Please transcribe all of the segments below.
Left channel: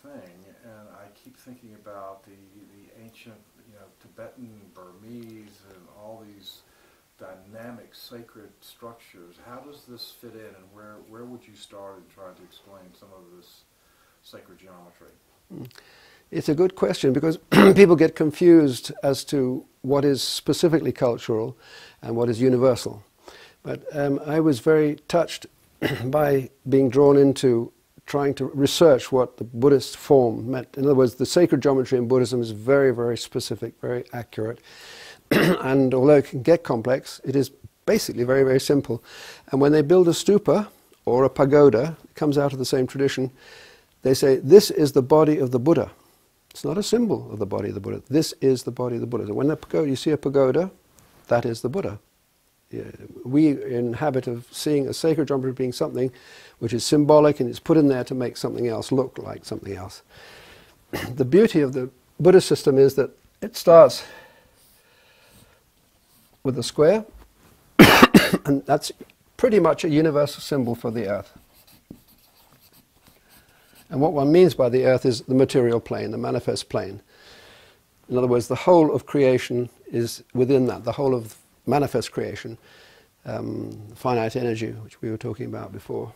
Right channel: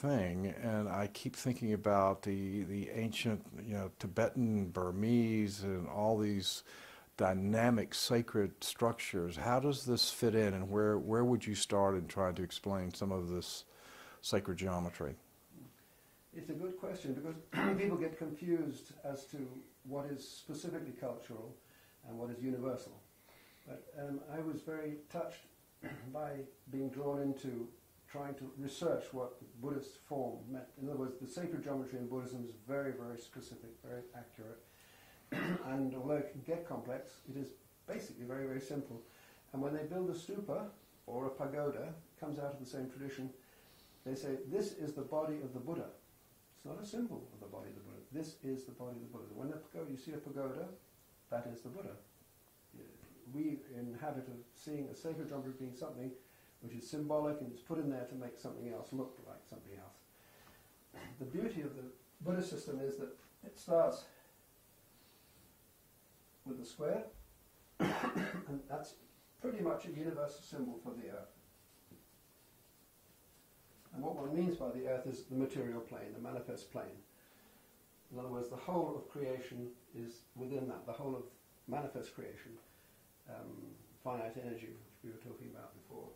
thing, and I keep thinking about the ancient, Tibetan, Burmese, and all these dynamic sacred structures. How does this fit in, and where would you start in trying to explain some of this sacred geometry? It's a good question, because people get confused as to what is specifically cultural and what is universal. But I was very touched by being drawn into trying to research what the Buddhist form meant. In other words, the sacred geometry in Buddhism is very, very specific, very accurate. And although it can get complex, it is basically very, very simple. And when they build a stupa or a pagoda, it comes out of the same tradition, they say, this is the body of the Buddha. It's not a symbol of the body of the Buddha. This is the body of the Buddha. So when you see a pagoda, that is the Buddha. We are in the habit of seeing a sacred geometry being something which is symbolic and it's put in there to make something else look like something else. The beauty of the Buddhist system is that it starts with a square, and that's pretty much a universal symbol for the earth. And what one means by the earth is the material plane, the manifest plane. In other words, the whole of creation is within that, the whole of manifest creation, finite energy, which we were talking about before.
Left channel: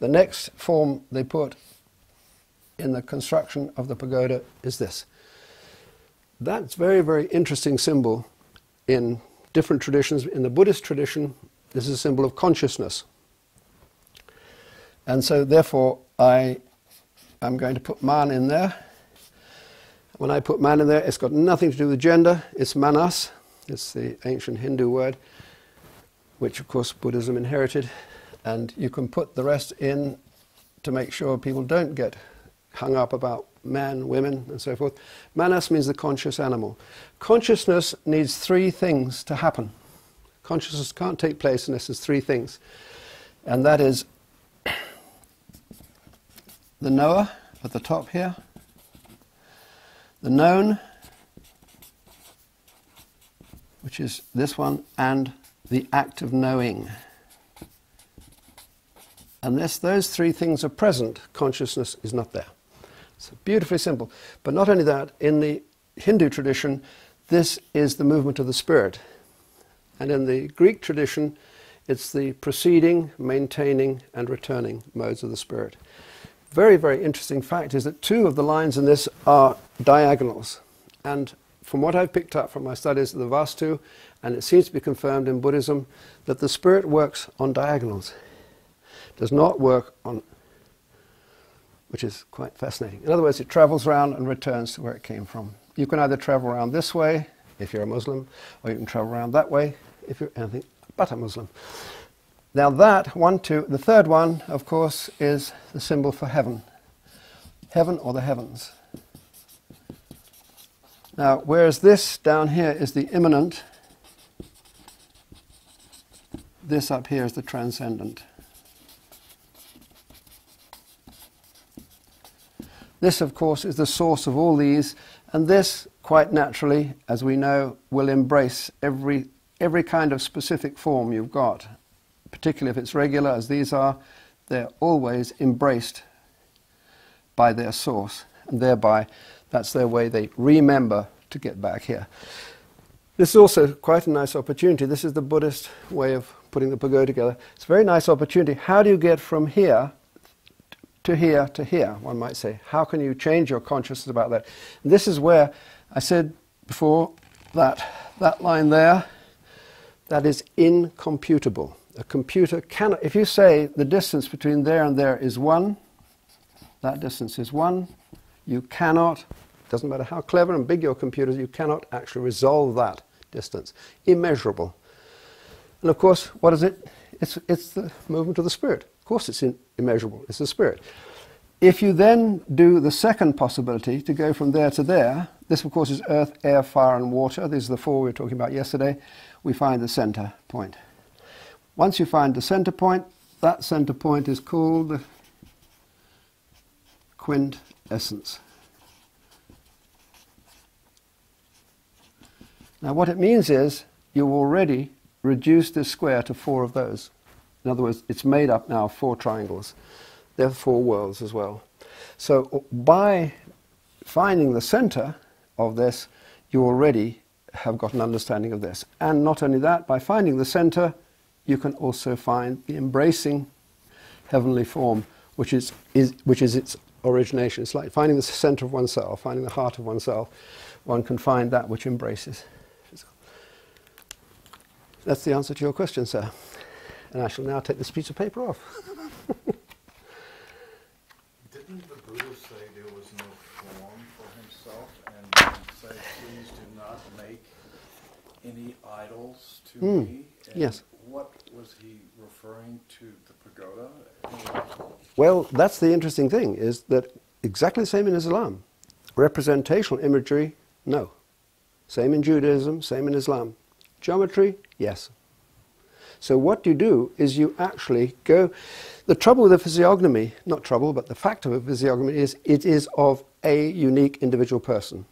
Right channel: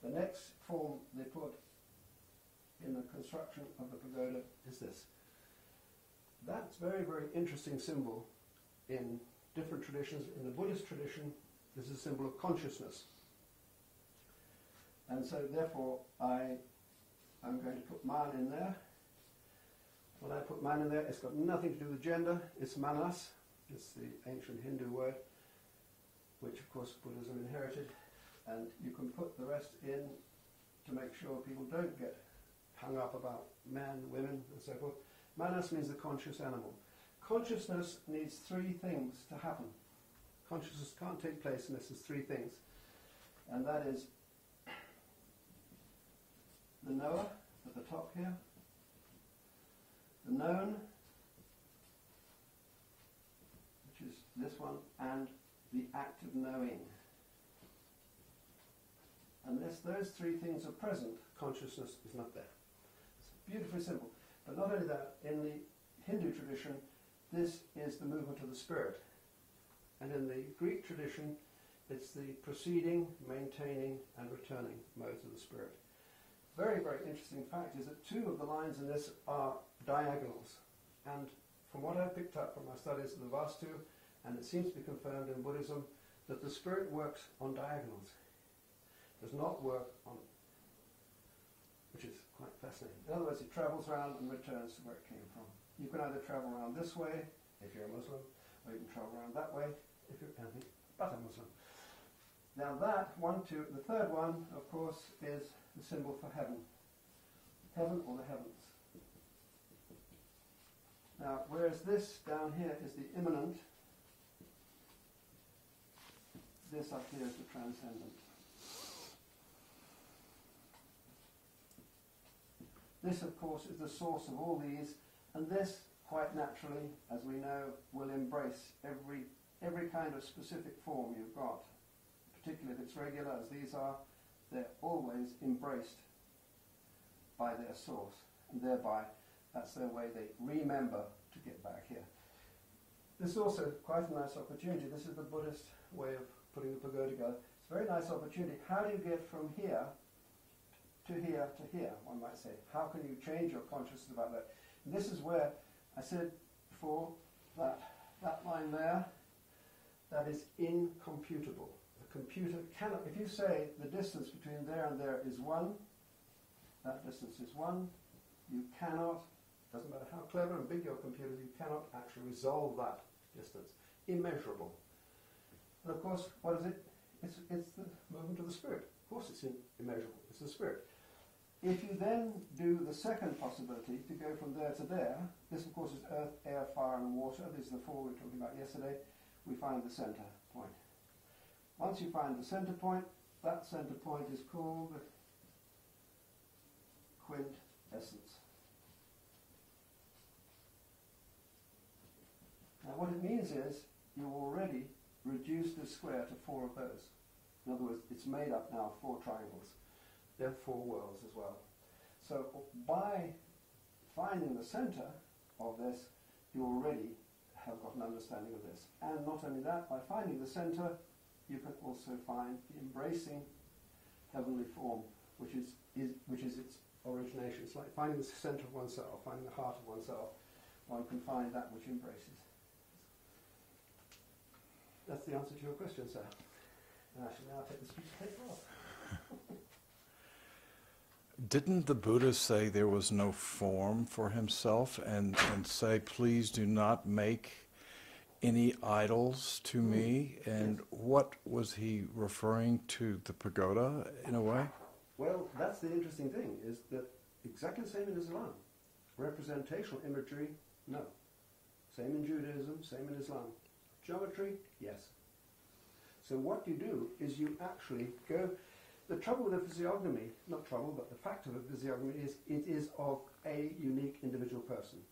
The next form they put in the construction of the pagoda is this. That's very, very interesting symbol in different traditions. In the Buddhist tradition, this is a symbol of consciousness. And so therefore I'm going to put man in there. When I put man in there, it's got nothing to do with gender. It's manas. It's the ancient Hindu word, which of course Buddhism inherited. And you can put the rest in to make sure people don't get hung up about man, women, and so forth. Manas means the conscious animal. Consciousness needs three things to happen. Consciousness can't take place unless there's three things. And that is the knower at the top here, the known, which is this one, and the act of knowing. Unless those three things are present, consciousness is not there. It's beautifully simple. But not only that, in the Hindu tradition, this is the movement of the spirit. And in the Greek tradition, it's the proceeding, maintaining, and returning modes of the spirit. Very, very interesting fact is that two of the lines in this are diagonals. And from what I've picked up from my studies of the Vastu, and it seems to be confirmed in Buddhism, that the spirit works on diagonals. It does not work on, which is quite fascinating. In other words, it travels around and returns to where it came from. You can either travel around this way, if you're a Muslim, or you can travel around that way, if you're anything but a Muslim. Now that, the third one, of course, is the symbol for heaven. Heaven or the heavens. Now, whereas this down here is the immanent, this up here is the transcendent. This, of course, is the source of all these, and this, quite naturally, as we know, will embrace every kind of specific form you've got. Particularly if it's regular, as these are, they're always embraced by their source, and thereby that's their way they remember to get back here. This is also quite a nice opportunity. This is the Buddhist way of putting the pagoda together. It's a very nice opportunity. How do you get from here to here to here, one might say? How can you change your consciousness about that? And this is where I said before that line there, that is incomputable. A computer cannot, if you say the distance between there and there is 1, that distance is 1, you cannot, doesn't matter how clever and big your computer is, you cannot actually resolve that distance. Immeasurable. And of course, what is it? It's the movement of the spirit. Of course it's immeasurable, it's the spirit. If you then do the second possibility, to go from there to there, this of course is earth, air, fire and water. These are the four we were talking about yesterday. We find the center point. Once you find the center point, that center point is called the quintessence. Now what it means is you've already reduced this square to 4 of those. In other words, it's made up now of 4 triangles. They're 4 worlds as well. So by finding the center of this, you already have got an understanding of this. And not only that, by finding the center, you can also find the embracing heavenly form, which is its origination. It's like finding the center of oneself, finding the heart of oneself. One can find that which embraces. That's the answer to your question, sir. And I shall now take this piece of paper off. Didn't the Buddha say there was no form for himself and say, please do not make any idols to me? And yes. what was he referring to, the pagoda in a way? Well, that's the interesting thing, is that exactly the same in Islam. Representational imagery, no. Same in Judaism, same in Islam. Geometry, yes. So what you do is you actually go... The trouble with a physiognomy, not trouble, but the fact of a physiognomy is it is of a unique individual person.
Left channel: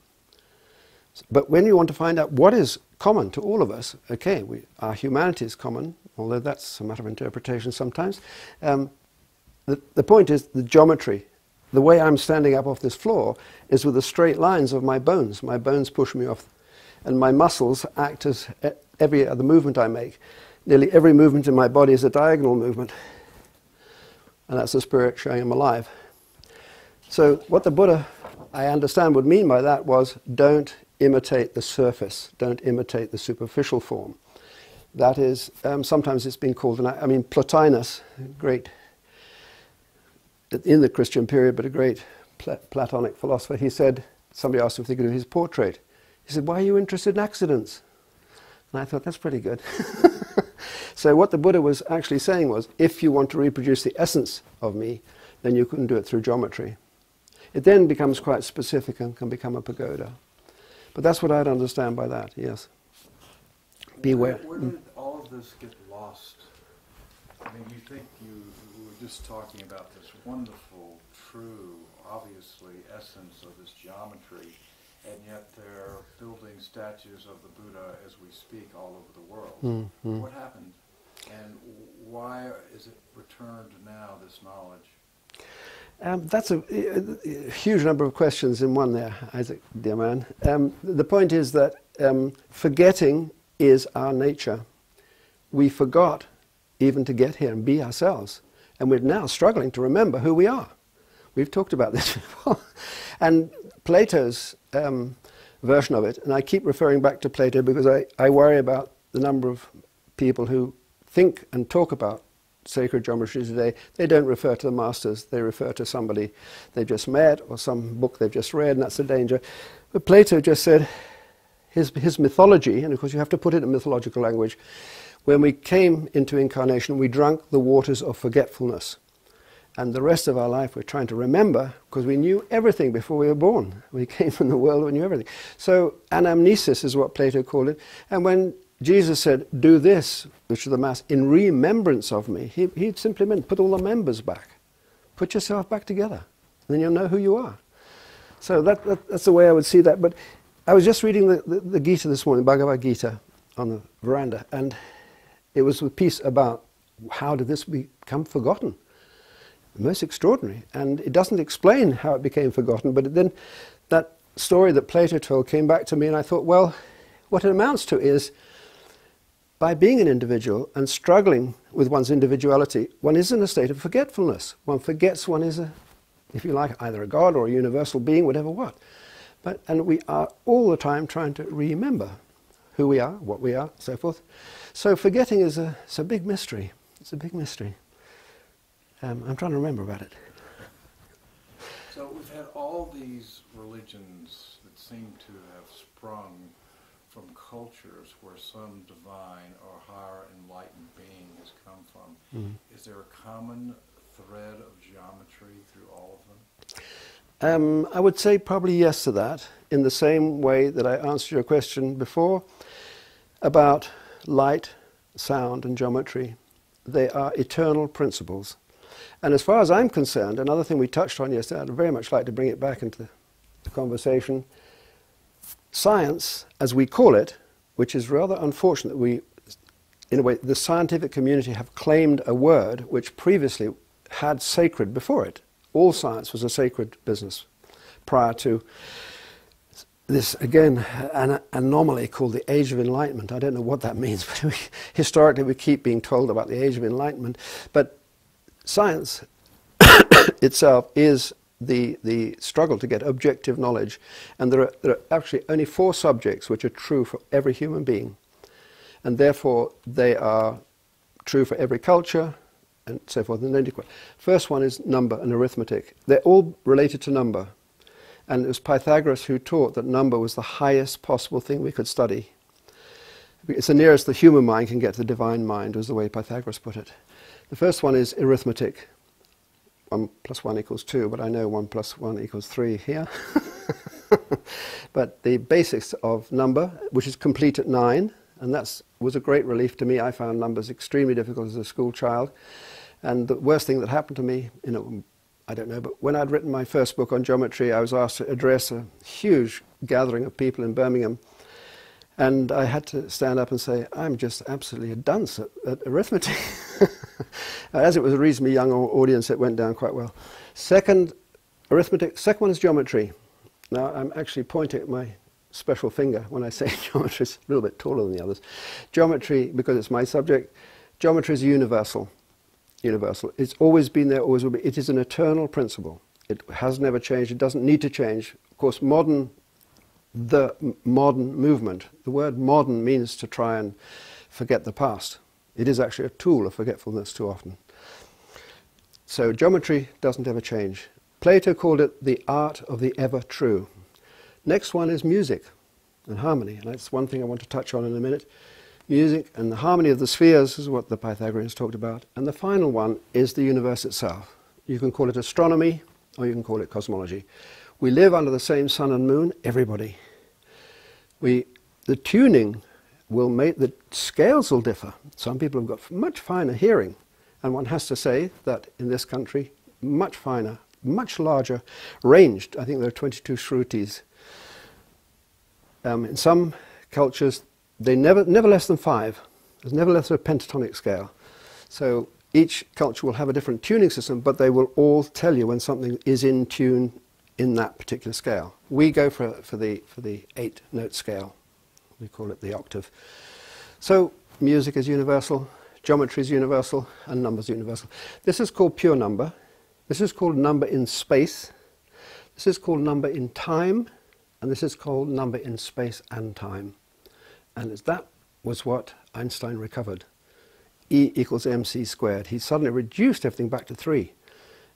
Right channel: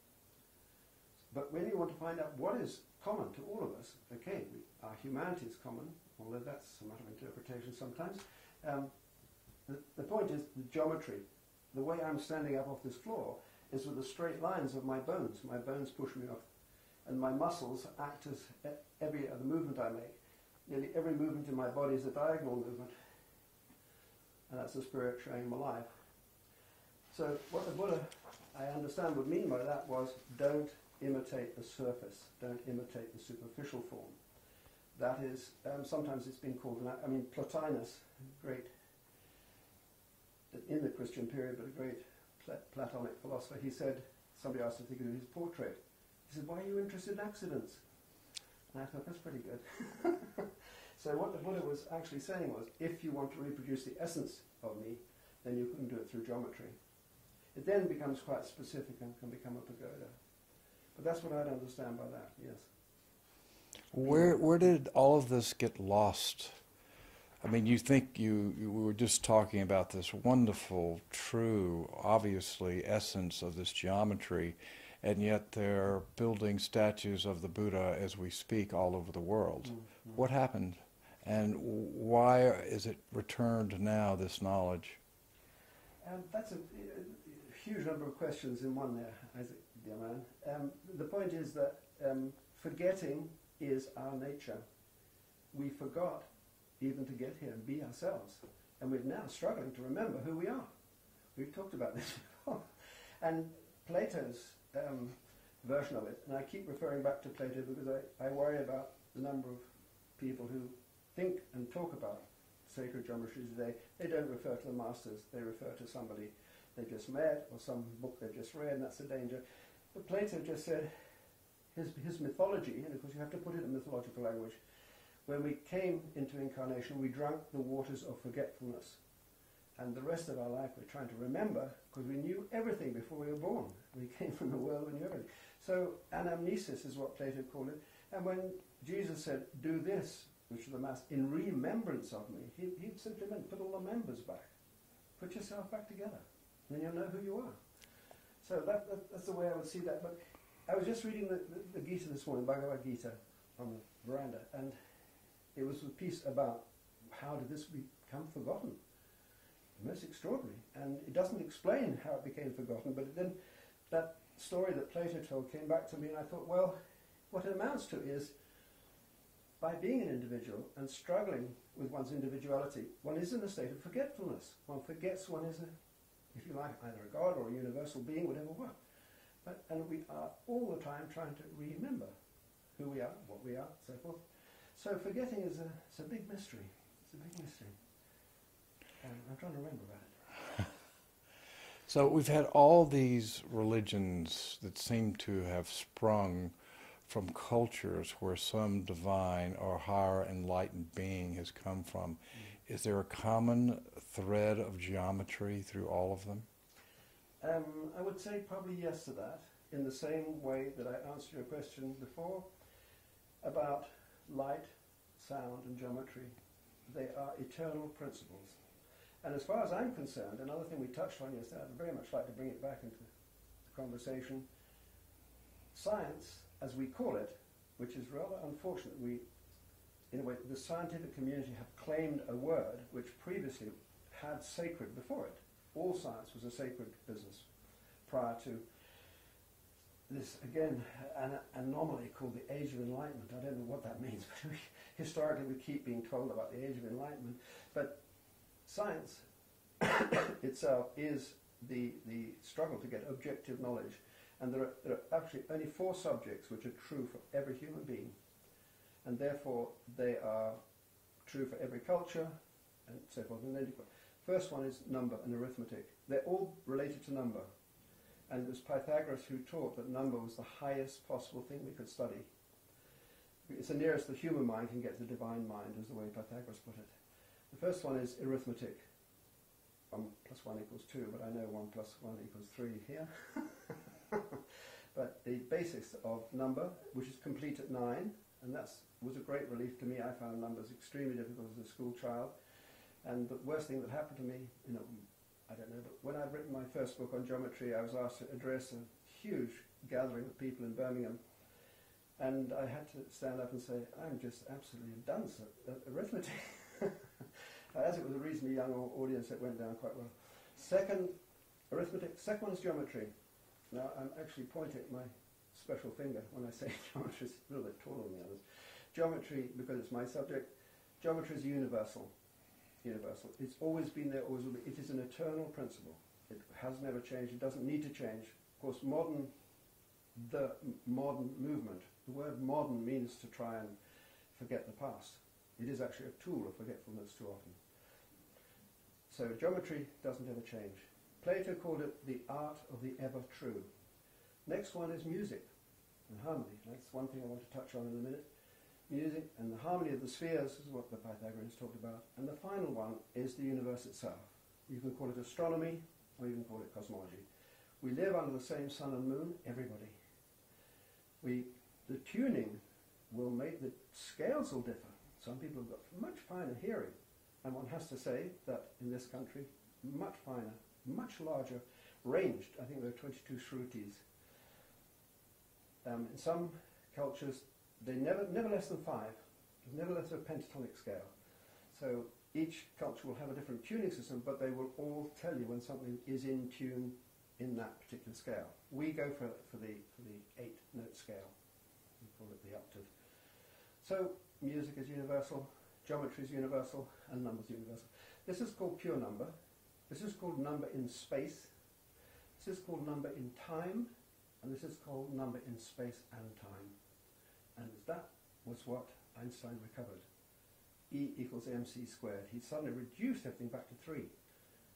But when you want to find out what is common to all of us, okay, our humanity is common, although that's a matter of interpretation sometimes. The point is the geometry. The way I'm standing up off this floor is with the straight lines of my bones. My bones push me off, and my muscles act as every other movement I make. Nearly every movement in my body is a diagonal movement. And that's the spirit showing I'm alive. So what the Buddha, I understand, would mean by that was, don't imitate the surface, don't imitate the superficial form. That is, sometimes it's been called, Plotinus, great, in the Christian period, but a great Platonic philosopher, he said, somebody asked him if they could do his portrait. He said, why are you interested in accidents? And I thought, that's pretty good. So what the Buddha was actually saying was, if you want to reproduce the essence of me, then you can do it through geometry. It then becomes quite specific and can become a pagoda. But that's what I'd understand by that, yes. Where did all of this get lost? I mean, you think we were just talking about this wonderful, true, obviously, essence of this geometry, and yet they're building statues of the Buddha as we speak all over the world. Mm-hmm. What happened? And why is it returned now, this knowledge? That's a huge number of questions in one there, Isaac, dear man. The point is that forgetting is our nature. We forgot even to get here and be ourselves. And we're now struggling to remember who we are. We've talked about this before. And Plato's version of it, and I keep referring back to Plato because I worry about the number of people who think and talk about sacred geometry today. They don't refer to the masters, they refer to somebody they've just met or some book they've just read, and that's the danger. But Plato just said his mythology, and of course you have to put it in mythological language, when we came into incarnation we drank the waters of forgetfulness. And the rest of our life we're trying to remember because we knew everything before we were born. We came from the world, we knew everything. So anamnesis is what Plato called it. And when Jesus said, do this, which is the Mass, in remembrance of me, he simply meant put all the members back. Put yourself back together. And then you'll know who you are. So that's the way I would see that. But I was just reading the Gita this morning, Bhagavad Gita, on the veranda. And it was a piece about how did this become forgotten. Most extraordinary, and it doesn't explain how it became forgotten, but then that story that Plato told came back to me, and I thought, well, what it amounts to is by being an individual and struggling with one's individuality, one is in a state of forgetfulness. One forgets one is, if you like, either a god or a universal being, whatever what. And we are all the time trying to remember who we are, what we are, so forth. So forgetting is it's a big mystery. It's a big mystery. I'm trying to remember about it. So we've had all these religions that seem to have sprung from cultures where some divine or higher enlightened being has come from. Mm-hmm. Is there a common thread of geometry through all of them? I would say probably yes to that, in the same way that I answered your question before about light, sound and geometry. They are eternal principles. And as far as I'm concerned, another thing we touched on yesterday, I'd very much like to bring it back into the conversation, science, as we call it, which is rather unfortunate that we, in a way, the scientific community have claimed a word which previously had sacred before it. All science was a sacred business prior to this, again, an anomaly called the Age of Enlightenment. I don't know what that means, but historically we keep being told about the Age of Enlightenment. But science itself is the struggle to get objective knowledge. And there are actually only 4 subjects which are true for every human being. And therefore they are true for every culture, and so forth. And then first one is number and arithmetic. They're all related to number. And it was Pythagoras who taught that number was the highest possible thing we could study. It's the nearest the human mind can get to the divine mind, was the way Pythagoras put it. The first one is arithmetic. 1 + 1 = 2, but I know 1 + 1 = 3 here. But the basics of number, which is complete at 9, and that was a great relief to me. I found numbers extremely difficult as a school child. And the worst thing that happened to me, I don't know, but when I'd written my first book on geometry, I was asked to address a huge gathering of people in Birmingham. And I had to stand up and say, I'm just absolutely a dunce at arithmetic. As it was a reasonably young audience, it went down quite well. Second, arithmetic. Second one is geometry. Now, I'm actually pointing at my special finger when I say geometry. It's a little bit taller than the others. Geometry, because it's my subject, geometry is universal. Universal. It's always been there, always will be. It is an eternal principle. It has never changed. It doesn't need to change. Of course, the modern movement, the word modern means to try and forget the past. It is actually a tool of forgetfulness too often. So geometry doesn't ever change. Plato called it the art of the ever true. Next one is music and harmony. And that's one thing I want to touch on in a minute. Music and the harmony of the spheres is what the Pythagoreans talked about. And the final one is the universe itself. You can call it astronomy or you can call it cosmology. We live under the same sun and moon, everybody. The tuning will make, the scales will differ. Some people have got much finer hearing. And one has to say that in this country, much finer, much larger, ranged. I think there are 22 shrutis. In some cultures, they never less than 5. There's never less than a pentatonic scale. So each culture will have a different tuning system, but they will all tell you when something is in tune in that particular scale. We go for the 8-note scale. We call it the octave. So music is universal, geometry is universal, and number is universal. This is called pure number. This is called number in space. This is called number in time, and this is called number in space and time. And that was what Einstein recovered. E = mc². He suddenly reduced everything back to 3.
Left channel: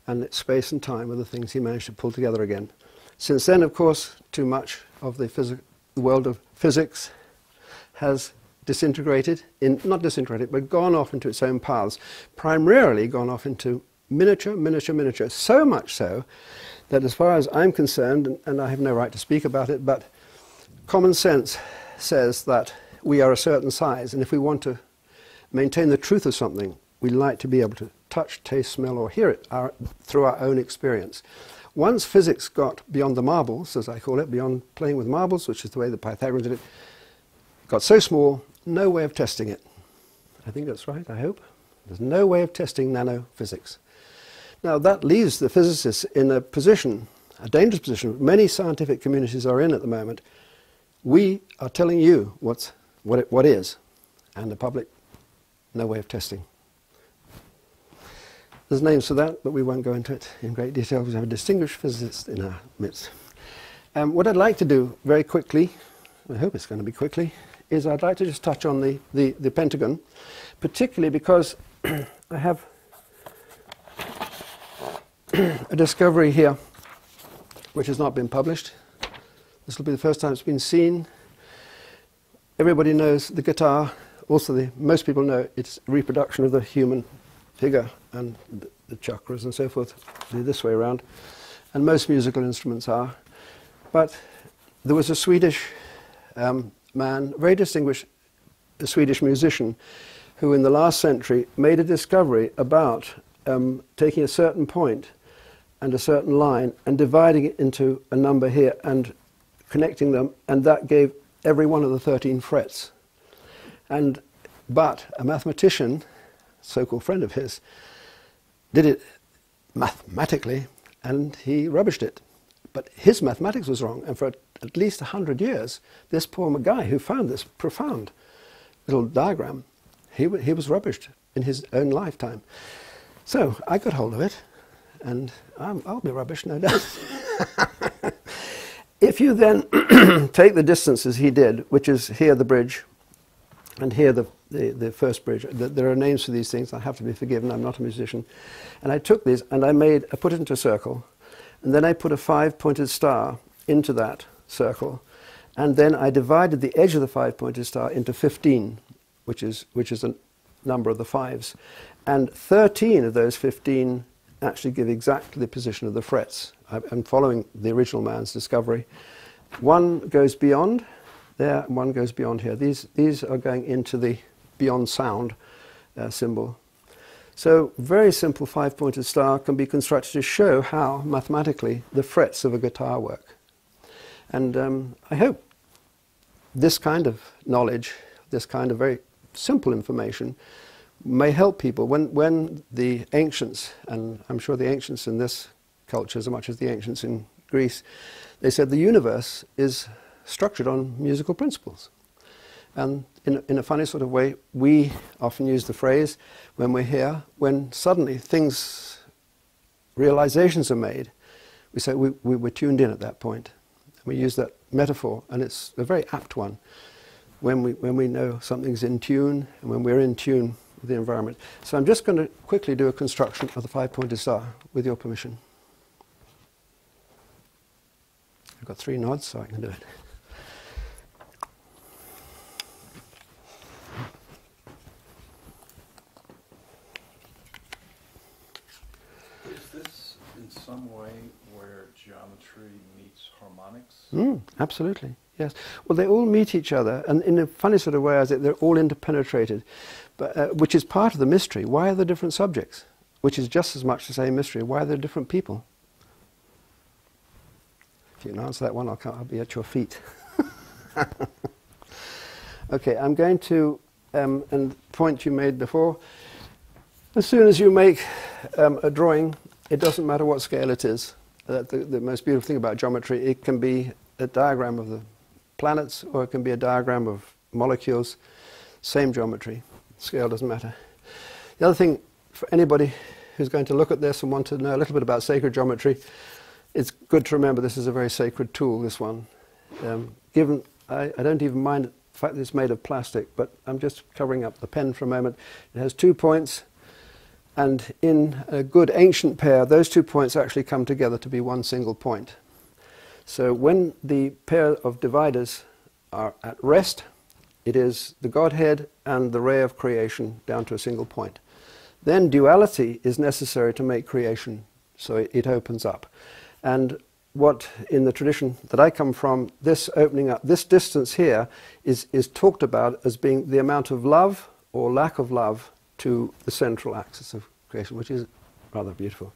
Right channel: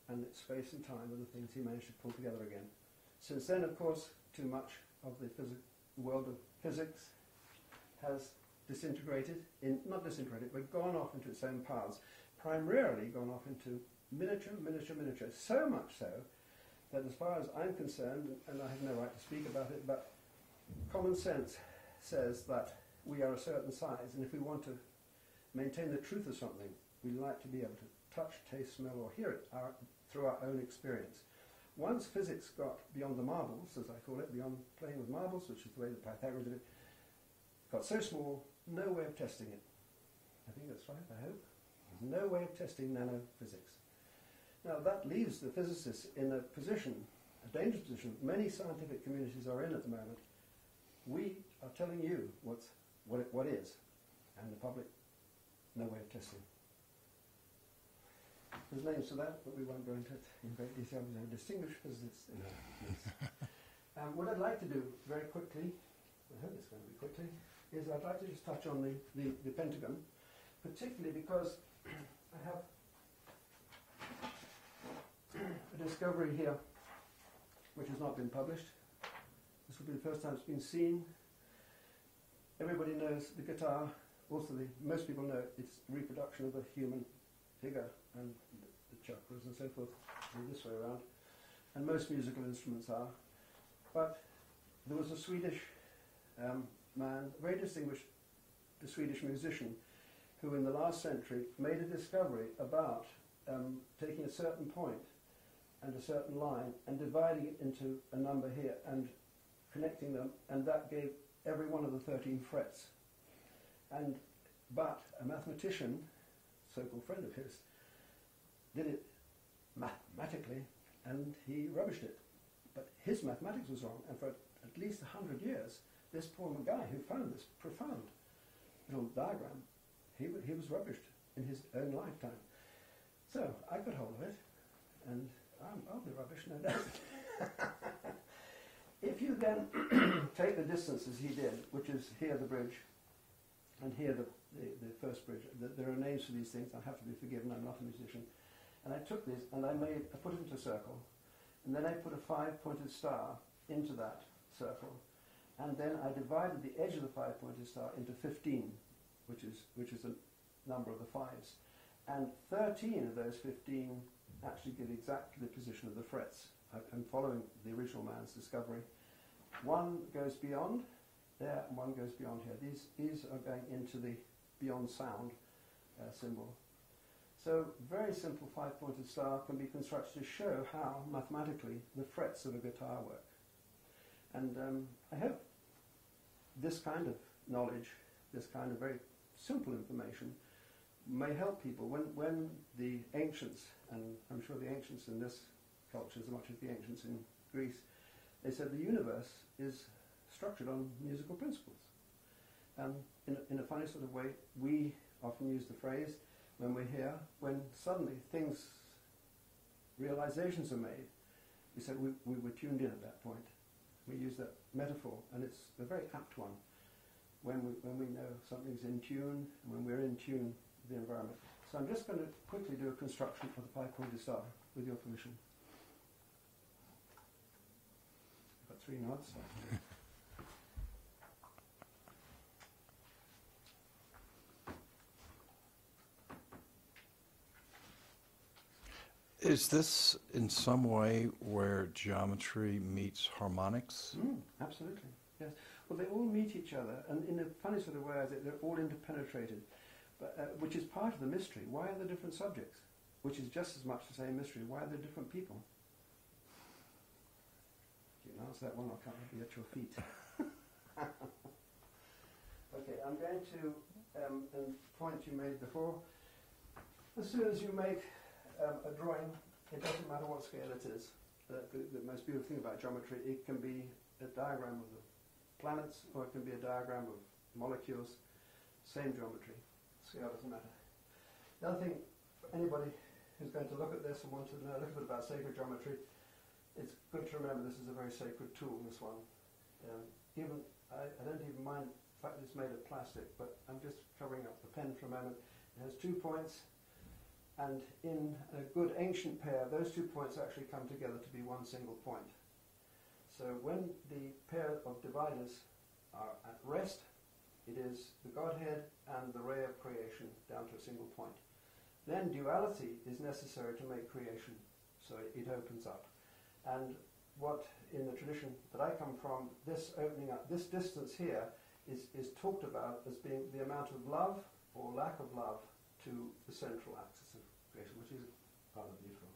And space and time are the things he managed to pull together again. Since then, of course, too much of the world of physics has disintegrated, not disintegrated, but gone off into its own paths, primarily gone off into miniature, so much so that as far as I'm concerned, and I have no right to speak about it, but common sense says that we are a certain size, and if we want to maintain the truth of something, we like to be able to touch, taste, smell, or hear it through our own experience. Once physics got beyond the marbles, as I call it, beyond playing with marbles, which is the way the Pythagoreans did it, got so small, no way of testing it. I think that's right, I hope. There's no way of testing nanophysics. Now that leaves the physicists in a position, a dangerous position, many scientific communities are in at the moment. We are telling you what is, and the public, no way of testing. There's names for that, but we won't go into it in great detail because we have a distinguished physicist in our midst. What I'd like to do very quickly, I hope it's going to be quickly, is I'd like to just touch on the Pentagon, particularly because I have a discovery here which has not been published. This will be the first time it's been seen. Everybody knows the guitar. Also, most people know it's a reproduction of the human figure and the chakras and so forth, this way around. And most musical instruments are. But there was a Swedish man, very distinguished Swedish musician, who in the last century made a discovery about taking a certain point and a certain line and dividing it into a number here and connecting them, and that gave every one of the 13 frets. But a mathematician, so-called friend of his, did it mathematically and he rubbished it. But his mathematics was wrong, and for at least 100 years, this poor guy who found this profound little diagram, he was rubbished in his own lifetime. So I got hold of it, and I'll be rubbish, no doubt. If you then take the distances he did, which is here the bridge, and here the first bridge, there are names for these things, I have to be forgiven, I'm not a musician. And I took these and I put it into a circle, and then I put a 5-pointed star into that circle, and then I divided the edge of the 5-pointed star into 15, which is a number of the fives. And 13 of those 15 actually give exactly the position of the frets. I'm following the original man's discovery. One goes beyond there, and one goes beyond here. These are going into the beyond sound symbol. So very simple 5-pointed star can be constructed to show how mathematically the frets of a guitar work. And I hope this kind of knowledge, this kind of very simple information may help people when the ancients, and I'm sure the ancients in this culture as much as the ancients in Greece, they said the universe is structured on musical principles. And in a funny sort of way, we often use the phrase when we're here, when suddenly realizations are made, we say we were tuned in at that point. We use that metaphor, and it's a very apt one. When we know something's in tune, and when we're in tune with the environment. So I'm just going to quickly do a construction of the 5-pointed star, with your permission. I've got 3 nods, so I can do it. Is this in some way where geometry meets harmonics? Absolutely, yes. Well, they all meet each other, and in a funny sort of way, they're all interpenetrated, but, which is part of the mystery. Why are there different subjects? Which is just as much the same mystery. Why are there different people? If you can answer that one, I'll be at your feet. Okay, I'm going to, and the point you made before, as soon as you make a drawing, it doesn't matter what scale it is. The most beautiful thing about geometry, it can be a diagram of the planets, or it can be a diagram of molecules. Same geometry. Scale doesn't matter. The other thing, for anybody who's going to look at this and want to know a little bit about sacred geometry, it's good to remember this is a very sacred tool, this one. I don't even mind the fact that it's made of plastic, but I'm just covering up the pen for a moment. It has 2 points. And in a good ancient pair, those 2 points actually come together to be one single point. So when the pair of dividers are at rest, it is the Godhead and the ray of creation down to a single point. Then duality is necessary to make creation, so it opens up. And what in the tradition that I come from, this opening up, this distance here is talked about as being the amount of love or lack of love to the central axis of creation, which is rather beautiful.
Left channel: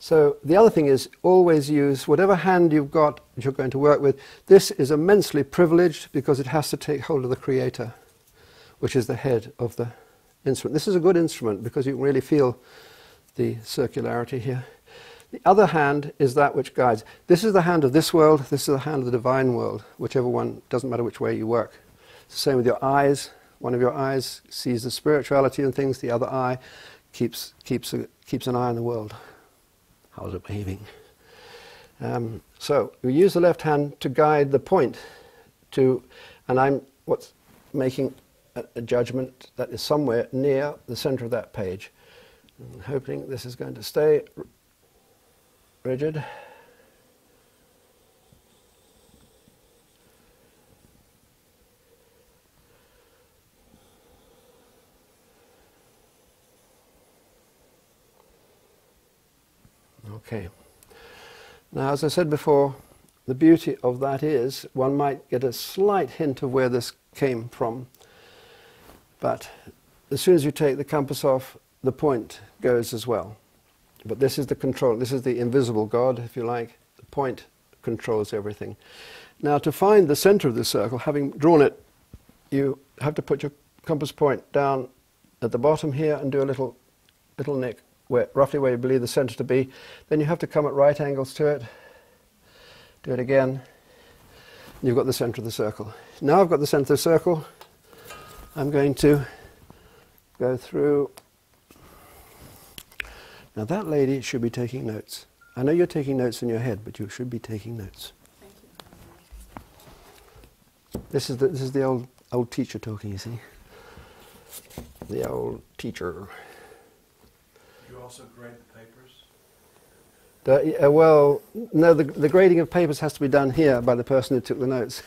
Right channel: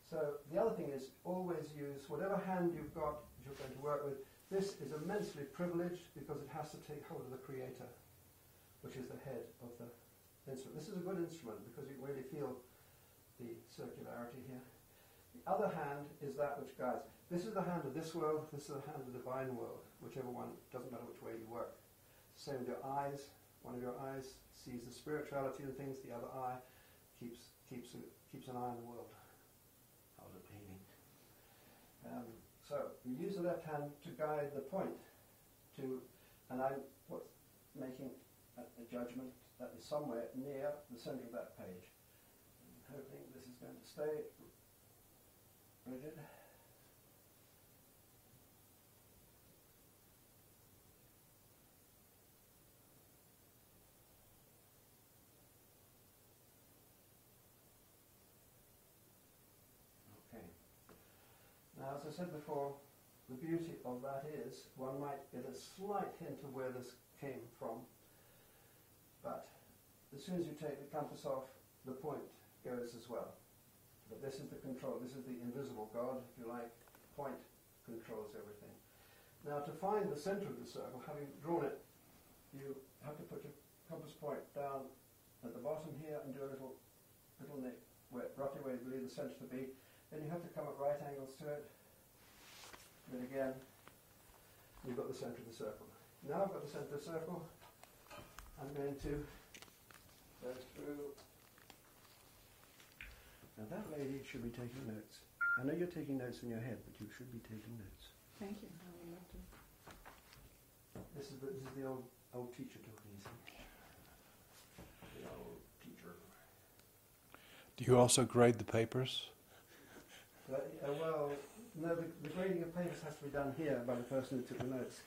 So the other thing is always use whatever hand you've got that you're going to work with. This is immensely privileged because it has to take hold of the Creator, which is the head of the instrument. This is a good instrument because you can really feel the circularity here. The other hand is that which guides. This is the hand of this world, this is the hand of the divine world, whichever one, doesn't matter which way you work. It's the same with your eyes. One of your eyes sees the spirituality and things, the other eye keeps an eye on the world. How's it behaving? So you use the left hand to guide the point to, and I'm making a judgment that is somewhere near the center of that page. I'm hoping this is going to stay rigid. Okay. Now, as I said before, the beauty of that is one might get a slight hint of where this came from, but as soon as you take the compass off, the point goes as well. But this is the control, this is the invisible God, if you like. The point controls everything. Now, to find the center of the circle, having drawn it, you have to put your compass point down at the bottom here and do a little nick roughly where you believe the center to be. Then you have to come at right angles to it. Do it again. You've got the center of the circle. Now I've got the center of the circle. I'm going to go through. Now that lady should be taking notes. I know you're taking notes in your head, but you should be taking notes. Thank you. This is the old teacher talking, you see. The old teacher. Do you also grade the papers? Well, no, the grading of papers has to be done here by the person who took the notes.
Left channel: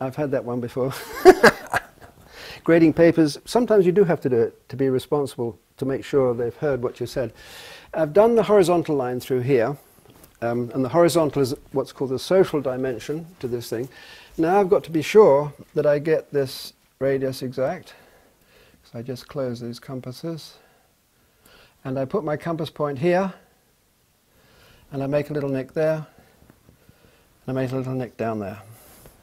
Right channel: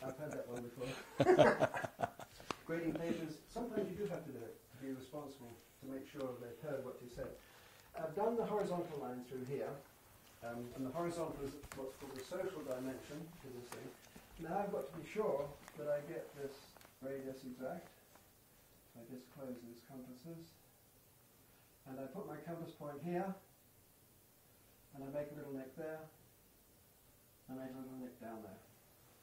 I've had that one before. Grading papers, sometimes you do have to do it to be responsible, to make sure they've heard what you said. I've done the horizontal line through here, and the horizontal is what's called the social dimension to this thing. Now I've got to be sure that I get this radius exact. So I just close these compasses. And I put my compass point here, and I make a little nick there, and I make a little nick down there.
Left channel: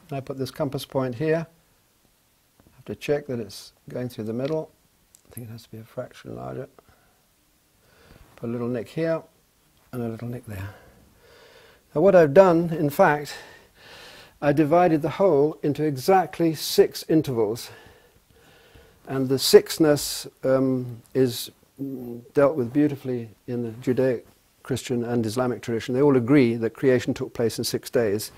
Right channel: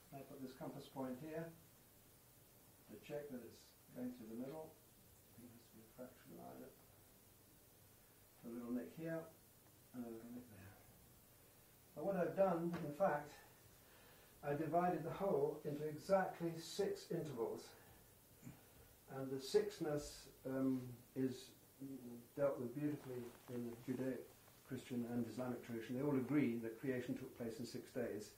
And I put this compass point here. I have to check that it's going through the middle. I think it has to be a fraction larger. Put a little nick here, and a little nick there. Now what I've done, in fact, I divided the whole into exactly 6 intervals. And the 6ness is dealt with beautifully in the Judaic, Christian and Islamic tradition. They all agree that creation took place in 6 days.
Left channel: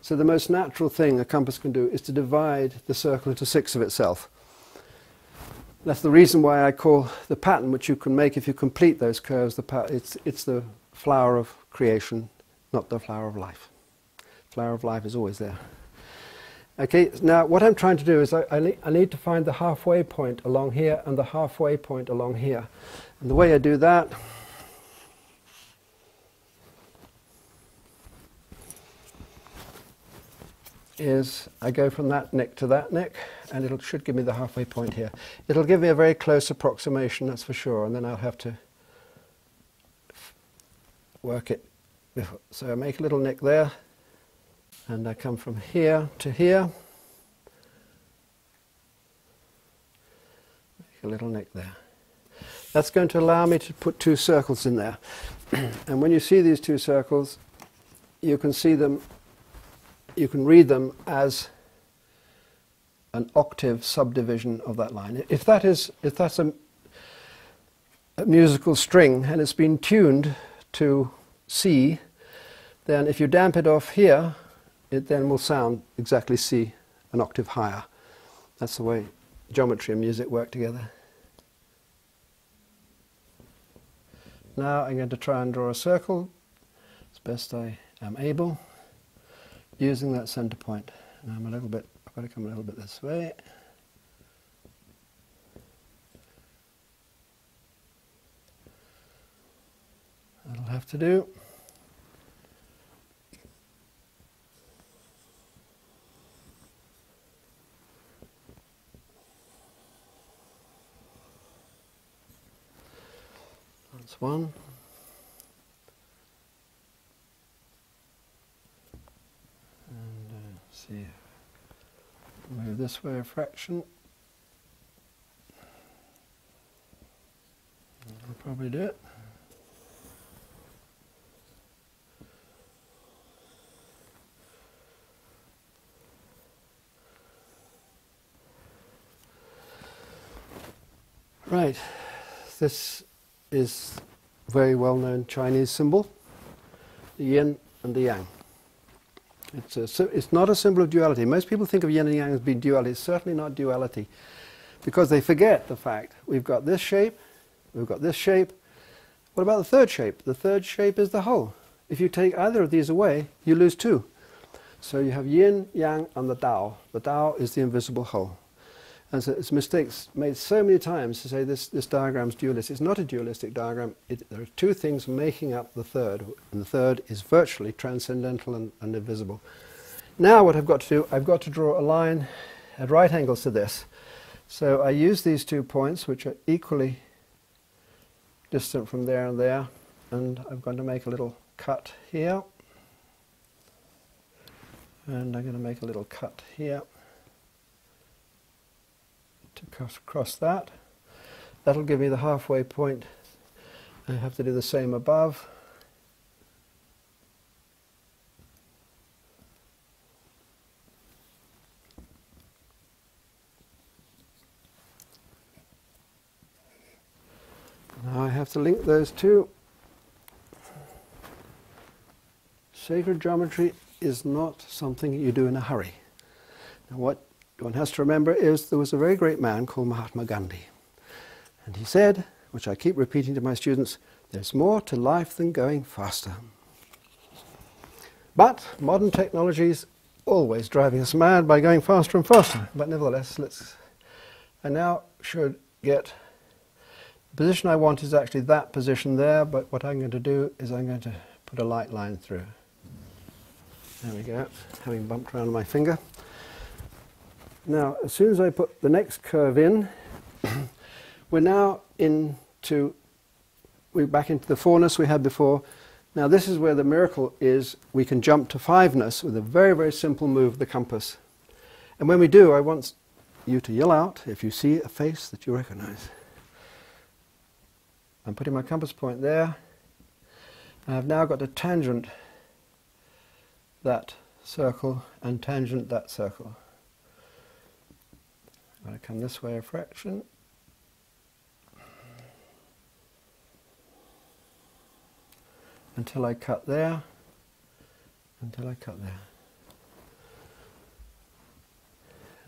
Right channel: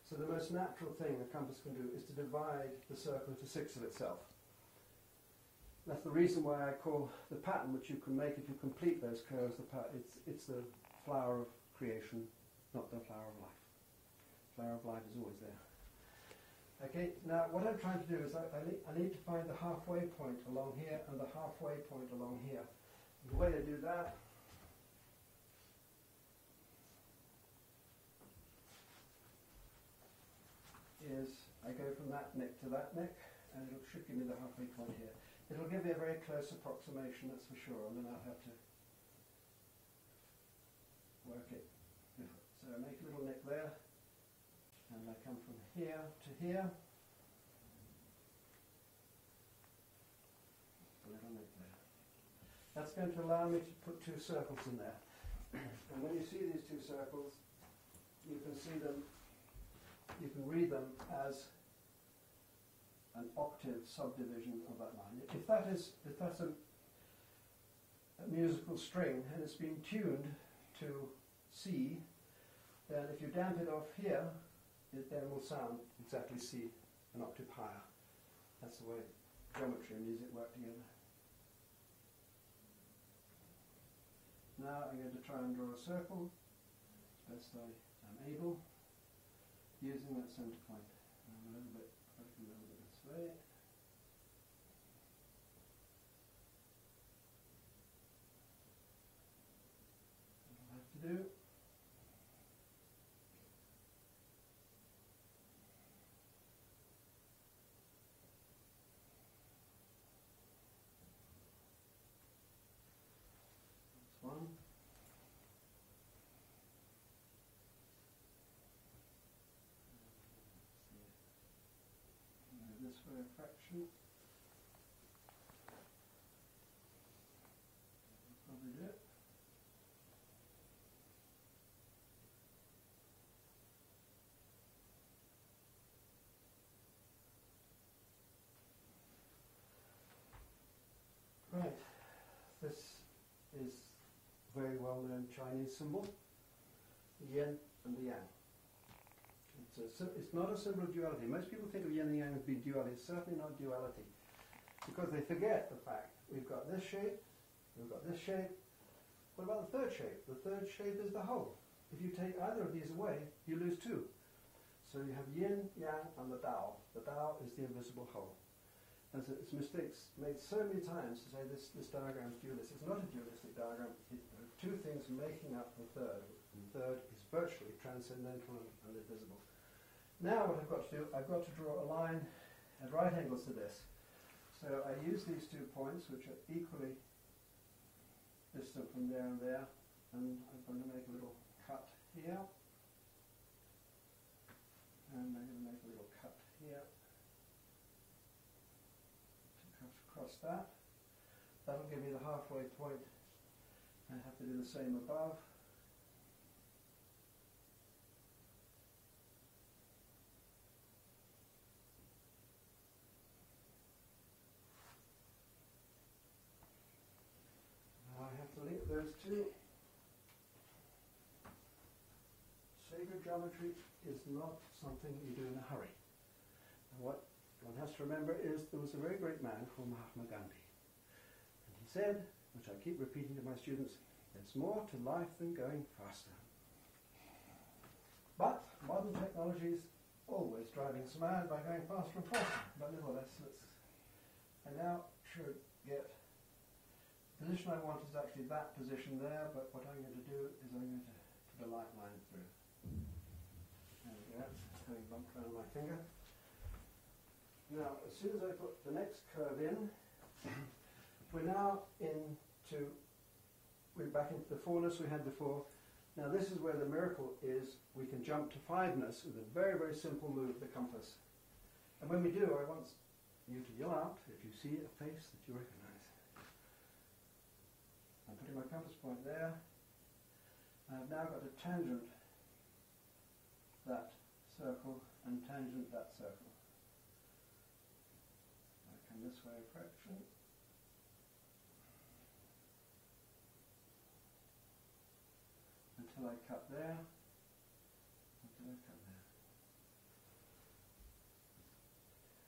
So the most natural thing a compass can do is to divide the circle into 6 of itself. That's the reason why I call the pattern, which you can make if you complete those curves, it's the flower of creation, not the flower of life. Flower of life is always there. Okay, now what I'm trying to do is I need to find the halfway point along here and the halfway point along here. And the way I do that is I go from that nick to that nick, and it should give me the halfway point here. It'll give me a very close approximation, that's for sure, and then I'll have to work it before. So I make a little nick there, and I come from here to here, make a little nick there. That's going to allow me to put 2 circles in there. And when you see these 2 circles, you can see them, you can read them as an octave subdivision of that line. If that's a musical string and it's been tuned to C, then if you damp it off here, it then will sound exactly C, an octave higher. That's the way geometry and music work together. Now I'm going to try and draw a circle as best I am able, using that center point. And I've got to come a little bit this way. That'll have to do. That's one. And see, move this way a fraction. That'll probably do it. Right, this is a very well-known Chinese symbol, the yin and the yang. It's not a symbol of duality. Most people think of yin and yang as being duality. It's certainly not duality, because they forget the fact we've got this shape, we've got this shape. What about the third shape? The third shape is the whole. If you take either of these away, you lose 2. So you have yin, yang, and the Tao. The Tao is the invisible whole. And so it's mistakes made so many times to say this diagram's dualistic. It's not a dualistic diagram. There are 2 things making up the third, and the third is virtually transcendental and invisible. Now what I've got to do, I've got to draw a line at right angles to this. So I use these 2 points, which are equally distant from there and there, and I'm going to make a little cut here, and I'm going to make a little cut here to cross that. That'll give me the halfway point. I have to do the same above. Now I have to link those two. Sacred geometry is not something you do in a hurry. Now what one has to remember is there was a very great man called Mahatma Gandhi. And he said, which I keep repeating to my students, there's more to life than going faster. But modern technology is always driving us mad by going faster and faster. But nevertheless, I now should get, the position I want is actually that position there, but what I'm going to do is I'm going to put a light line through. There we go, having bumped around my finger. Now, as soon as I put the next curve in, we're now we're back into the fourness we had before. Now this is where the miracle is. We can jump to fiveness with a very, very simple move of the compass. And when we do, I want you to yell out if you see a face that you recognize. I'm putting my compass point there. I've now got to tangent that circle and tangent that circle. I'm going to come this way a fraction. Until I cut there, until I cut there.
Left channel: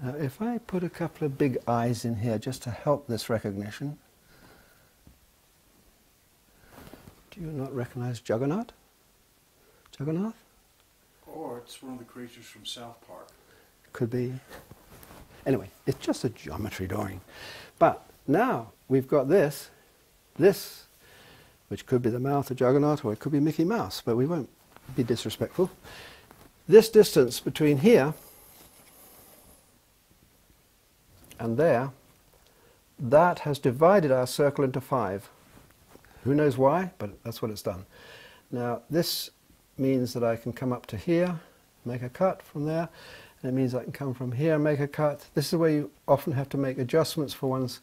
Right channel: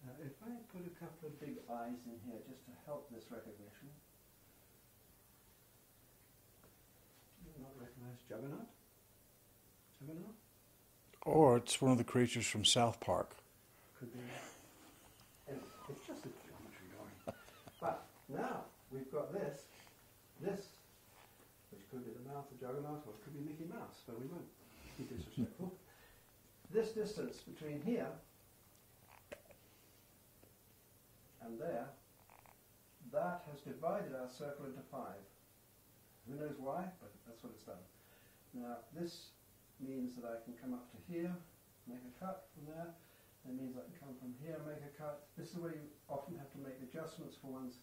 Now if I put a couple of big eyes in here just to help this recognition, do you not recognize Jagannath? Jagannath? Or it's one of the creatures from South Park. Could be. Anyway, it's just a geometry drawing. But now we've got this, which could be the mouth of Jagannath, or it could be Mickey Mouse, but we won't be disrespectful. This distance between here and there, that has divided our circle into 5. Who knows why, but that's what it's done. Now this means that I can come up to here, make a cut from there, and it means I can come from here and make a cut. This is where you often have to make adjustments for one's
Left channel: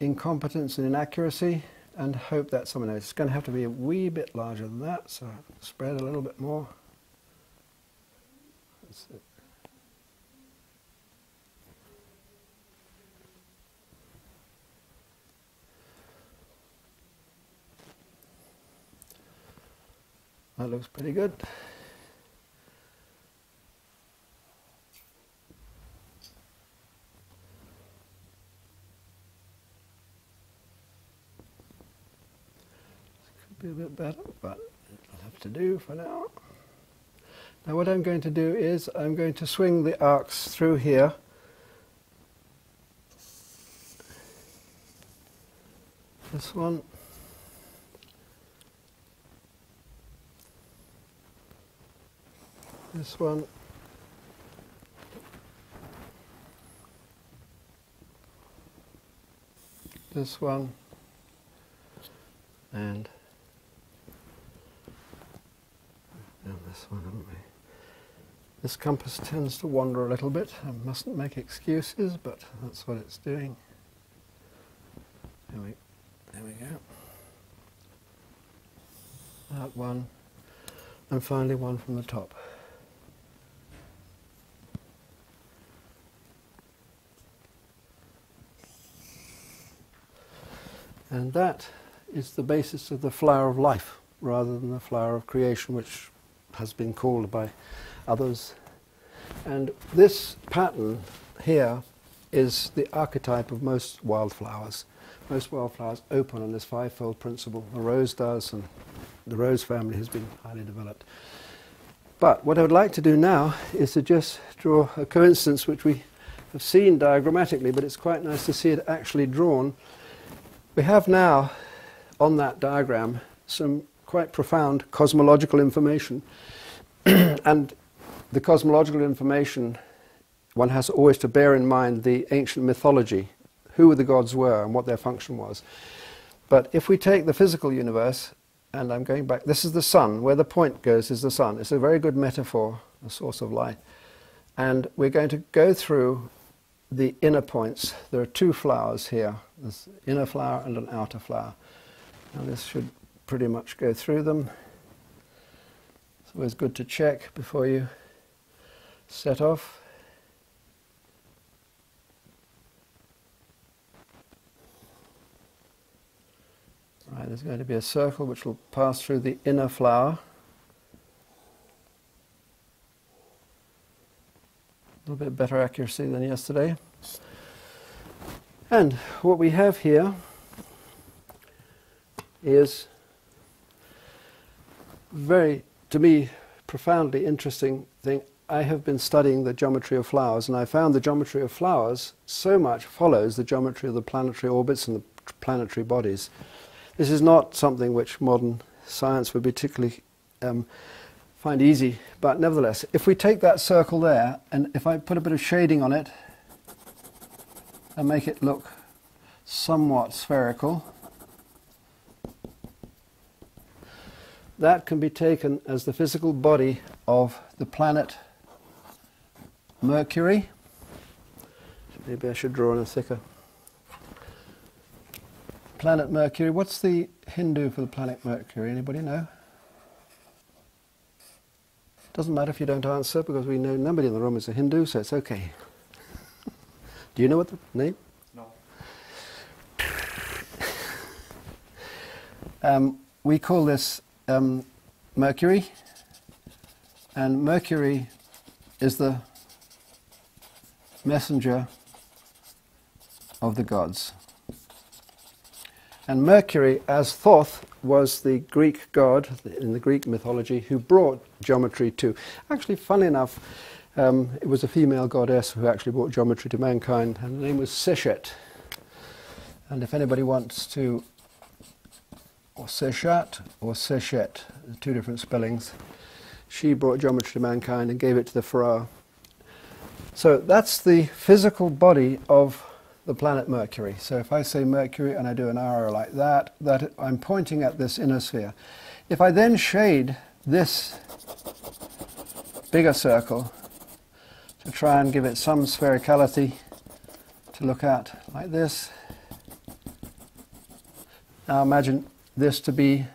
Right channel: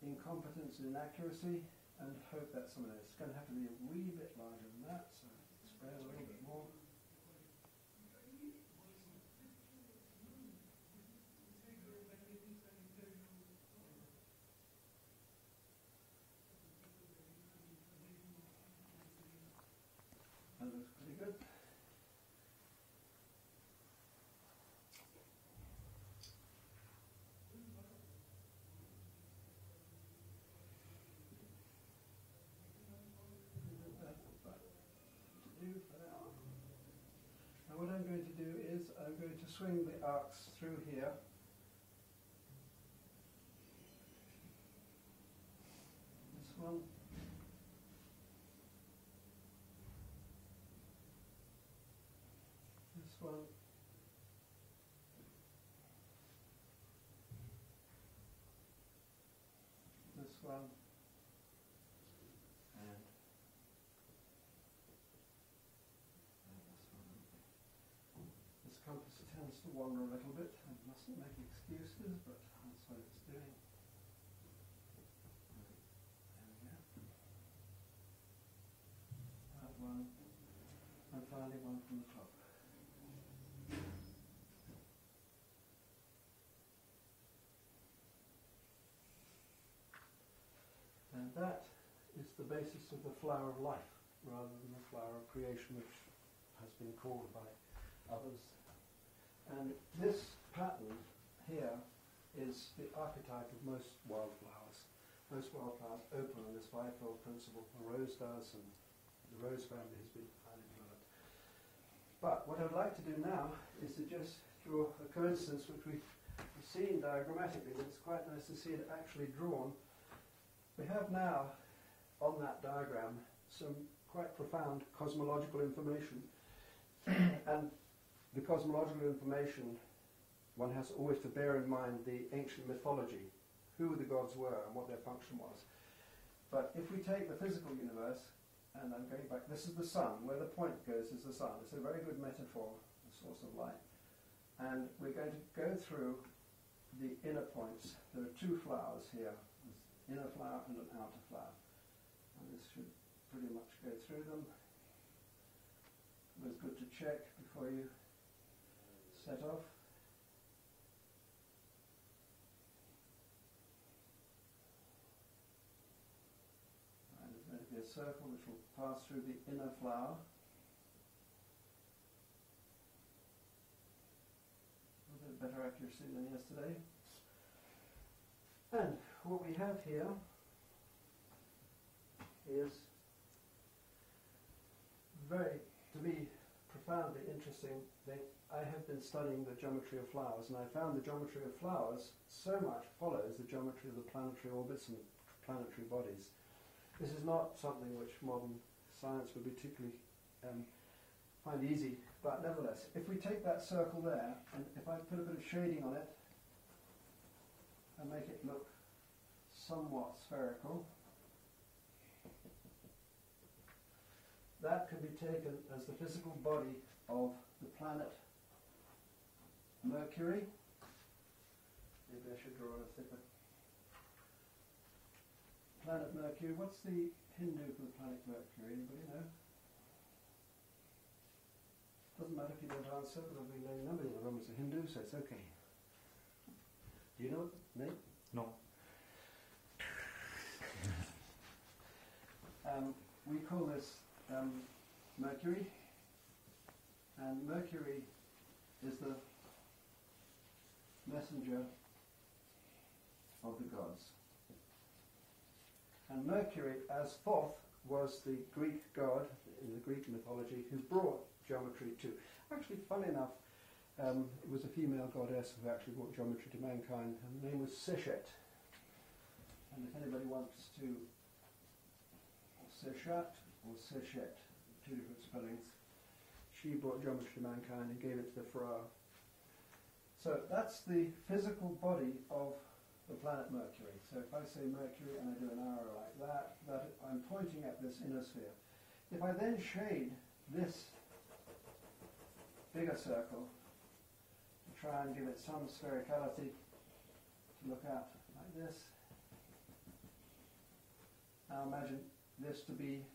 incompetence and inaccuracy, and hope that someone knows. It's going to have to be a wee bit larger than that, so spread a little bit more. That's it. That looks pretty good. Be a bit better, but it'll have to do for now. Now what I'm going to do is I'm going to swing the arcs through here. This one. This one. This one. And this one, haven't we? This compass tends to wander a little bit. I mustn't make excuses, but that's what it's doing. There we go. That one, and finally one from the top. And that is the basis of the flower of life, rather than the flower of creation, which has been called by others. And this pattern here is the archetype of most wildflowers. Most wildflowers open on this fivefold principle. The rose does, and the rose family has been highly developed. But what I would like to do now is to just draw a coincidence which we have seen diagrammatically, but it's quite nice to see it actually drawn. We have now on that diagram some quite profound cosmological information. And the cosmological information, one has always to bear in mind the ancient mythology, who the gods were and what their function was. But if we take the physical universe, and I'm going back, this is the sun, where the point goes is the sun. It's a very good metaphor, a source of light. And we're going to go through the inner points. There are 2 flowers here, This inner flower and an outer flower. Now this should pretty much go through them. It's always good to check before you set off. Right, there's going to be a circle which will pass through the inner flower. A little bit better accuracy than yesterday. And what we have here is very, to me, profoundly interesting thing. I have been studying the geometry of flowers, and I found the geometry of flowers so much follows the geometry of the planetary orbits and the planetary bodies. This is not something which modern science would particularly find easy, but nevertheless, if we take that circle there, and if I put a bit of shading on it and make it look somewhat spherical, that can be taken as the physical body of the planet Mercury. Maybe I should draw on a thicker. Planet Mercury. What's the Hindu for the planet Mercury? Anybody know? Doesn't matter if you don't answer, because we know nobody in the room is a Hindu, so it's okay. Do you know what the name? No. We call this Mercury, and Mercury is the messenger of the gods. And Mercury, as Thoth, was the Greek god in the Greek mythology who brought geometry to... Actually, funnily enough, it was a female goddess who actually brought geometry to mankind, and her name was Seshet. And if anybody wants to... or Seshat or Seshet, two different spellings. She brought geometry to mankind and gave it to the pharaoh. So that's the physical body of the planet Mercury. So if I say Mercury and I do an arrow like that, I'm pointing at this inner sphere. If I then shade this bigger circle to try and give it some sphericality to look at like this, now imagine this to be,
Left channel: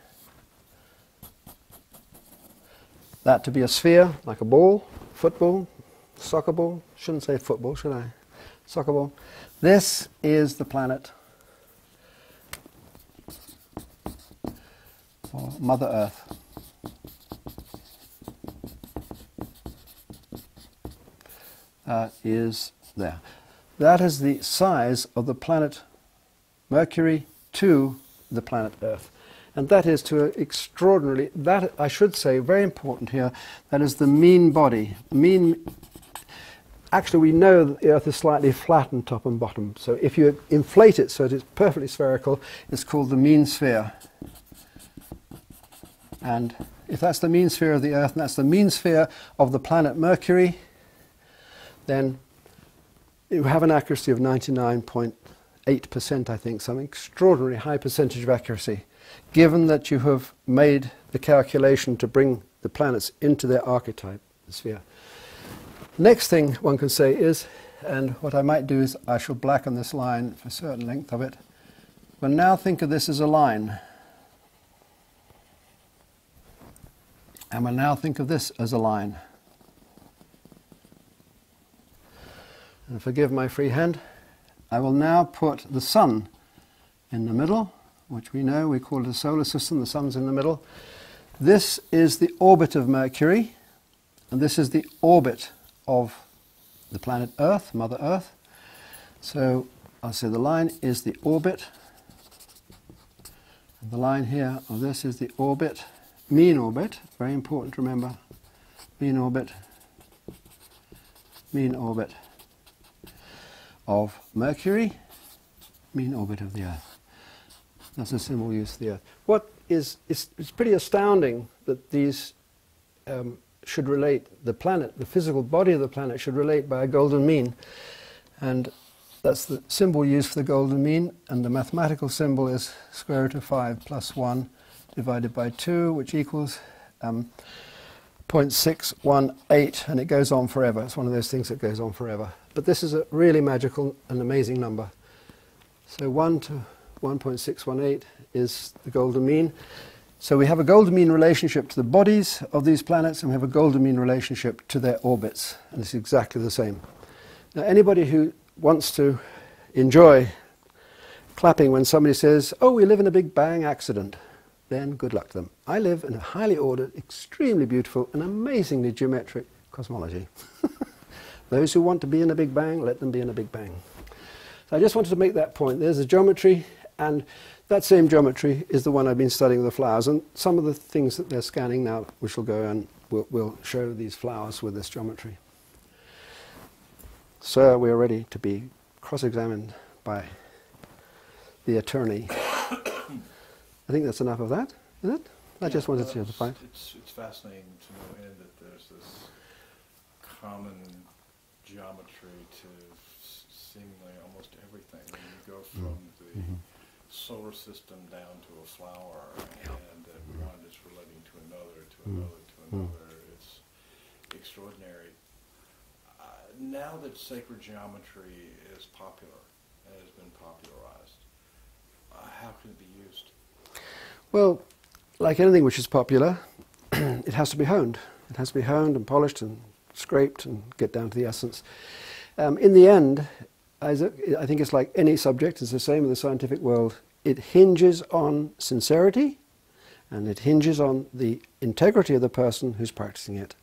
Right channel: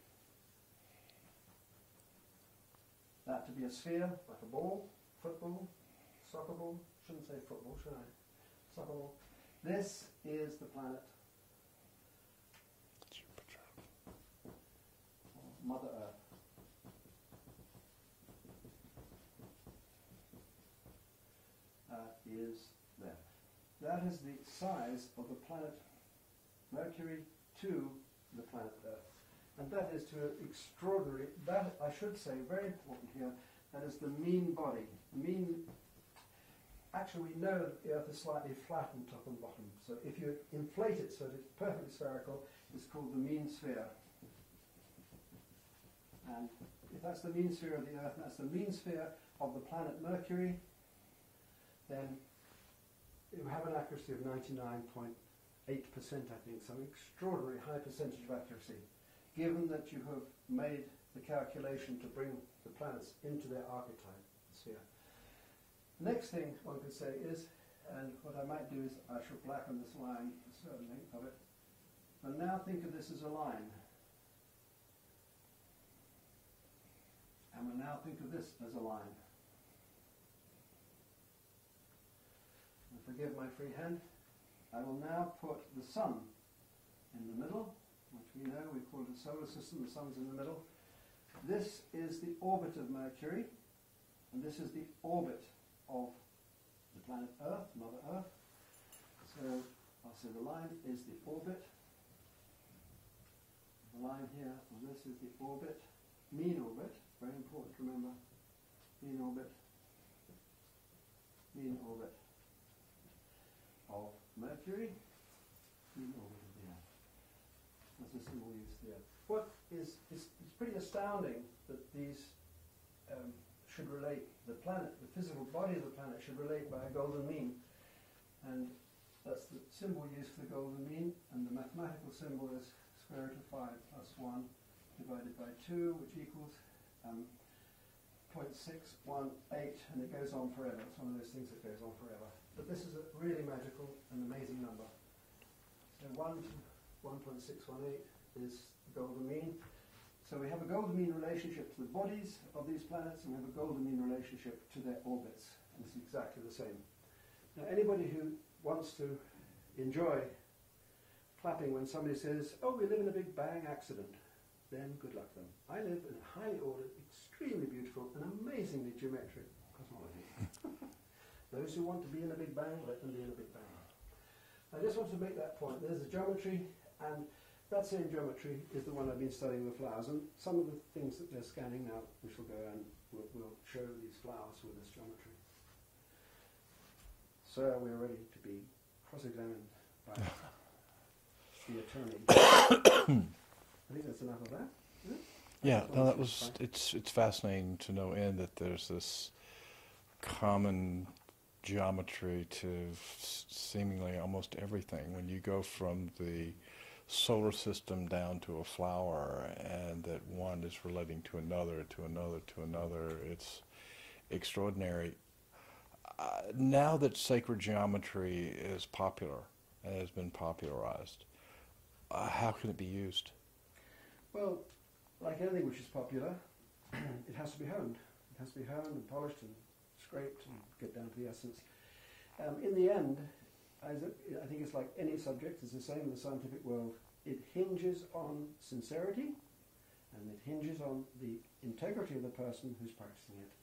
that to be a sphere, like a ball, football, soccer ball. Shouldn't say football, should I? Soccer ball. This is the planet, or Mother Earth. Is there. That is the size of the planet Mercury to the planet Earth. And that is to an extraordinarily, that I should say, very important here, that is the mean body. Actually, we know that the Earth is slightly flattened top and bottom. So if you inflate it so that it's perfectly spherical, it's called the mean sphere. And if that's the mean sphere of the Earth, and that's the mean sphere of the planet Mercury, then you have an accuracy of 99.8%, I think, some extraordinarily high percentage of accuracy, given that you have made the calculation to bring the planets into their archetype, the sphere. Next thing one can say is, and what I might do is I shall blacken this line for a certain length of it. Well, now think of this as a line. And we'll now think of this as a line. And forgive my free hand. I will now put the sun in the middle, which we know, we call it a solar system, the sun's in the middle. This is the orbit of Mercury, and this is the orbit of the planet Earth, Mother Earth. So I'll say the line is the orbit, and the line here of this is the orbit, mean orbit, very important to remember, mean orbit of Mercury, mean orbit of the Earth. That's a symbol used for the Earth. It's pretty astounding that these should relate, the planet, the physical body of the planet should relate by a golden mean. And that's the symbol used for the golden mean, and the mathematical symbol is square root of 5 plus 1 divided by 2, which equals 0.618, and it goes on forever. It's one of those things that goes on forever. But this is a really magical and amazing number. So 1 to 1.618 is the golden mean. So we have a golden mean relationship to the bodies of these planets, and we have a golden mean relationship to their orbits, and it's exactly the same. Now, anybody who wants to enjoy clapping when somebody says, oh, we live in a Big Bang accident, then good luck to them. I live in a highly ordered, extremely beautiful, and amazingly geometric cosmology. Those who want to be in a Big Bang, let them be in a Big Bang. So I just wanted to make that point. There's a geometry, and that same geometry is the one I've been studying with the flowers, and some of the things that they're scanning now, which will go and will show these flowers with this geometry. Sir, we are ready to be cross-examined by the attorney. I think that's enough of that, is it? I just wanted to find. It's fascinating to no end that there's this common geometry to seemingly almost everything. When you go from the solar system down to a flower, and that one is relating to another, to another, to another, it's extraordinary. Now that sacred geometry is popular and has been popularized, how can it be used? Well, like anything which is popular, it has to be honed. It has to be honed and polished and scraped and get down to the essence. In the end, I think it's like any subject, it's the same in the scientific world. It hinges on sincerity, and it hinges on the integrity of the person who's practicing it.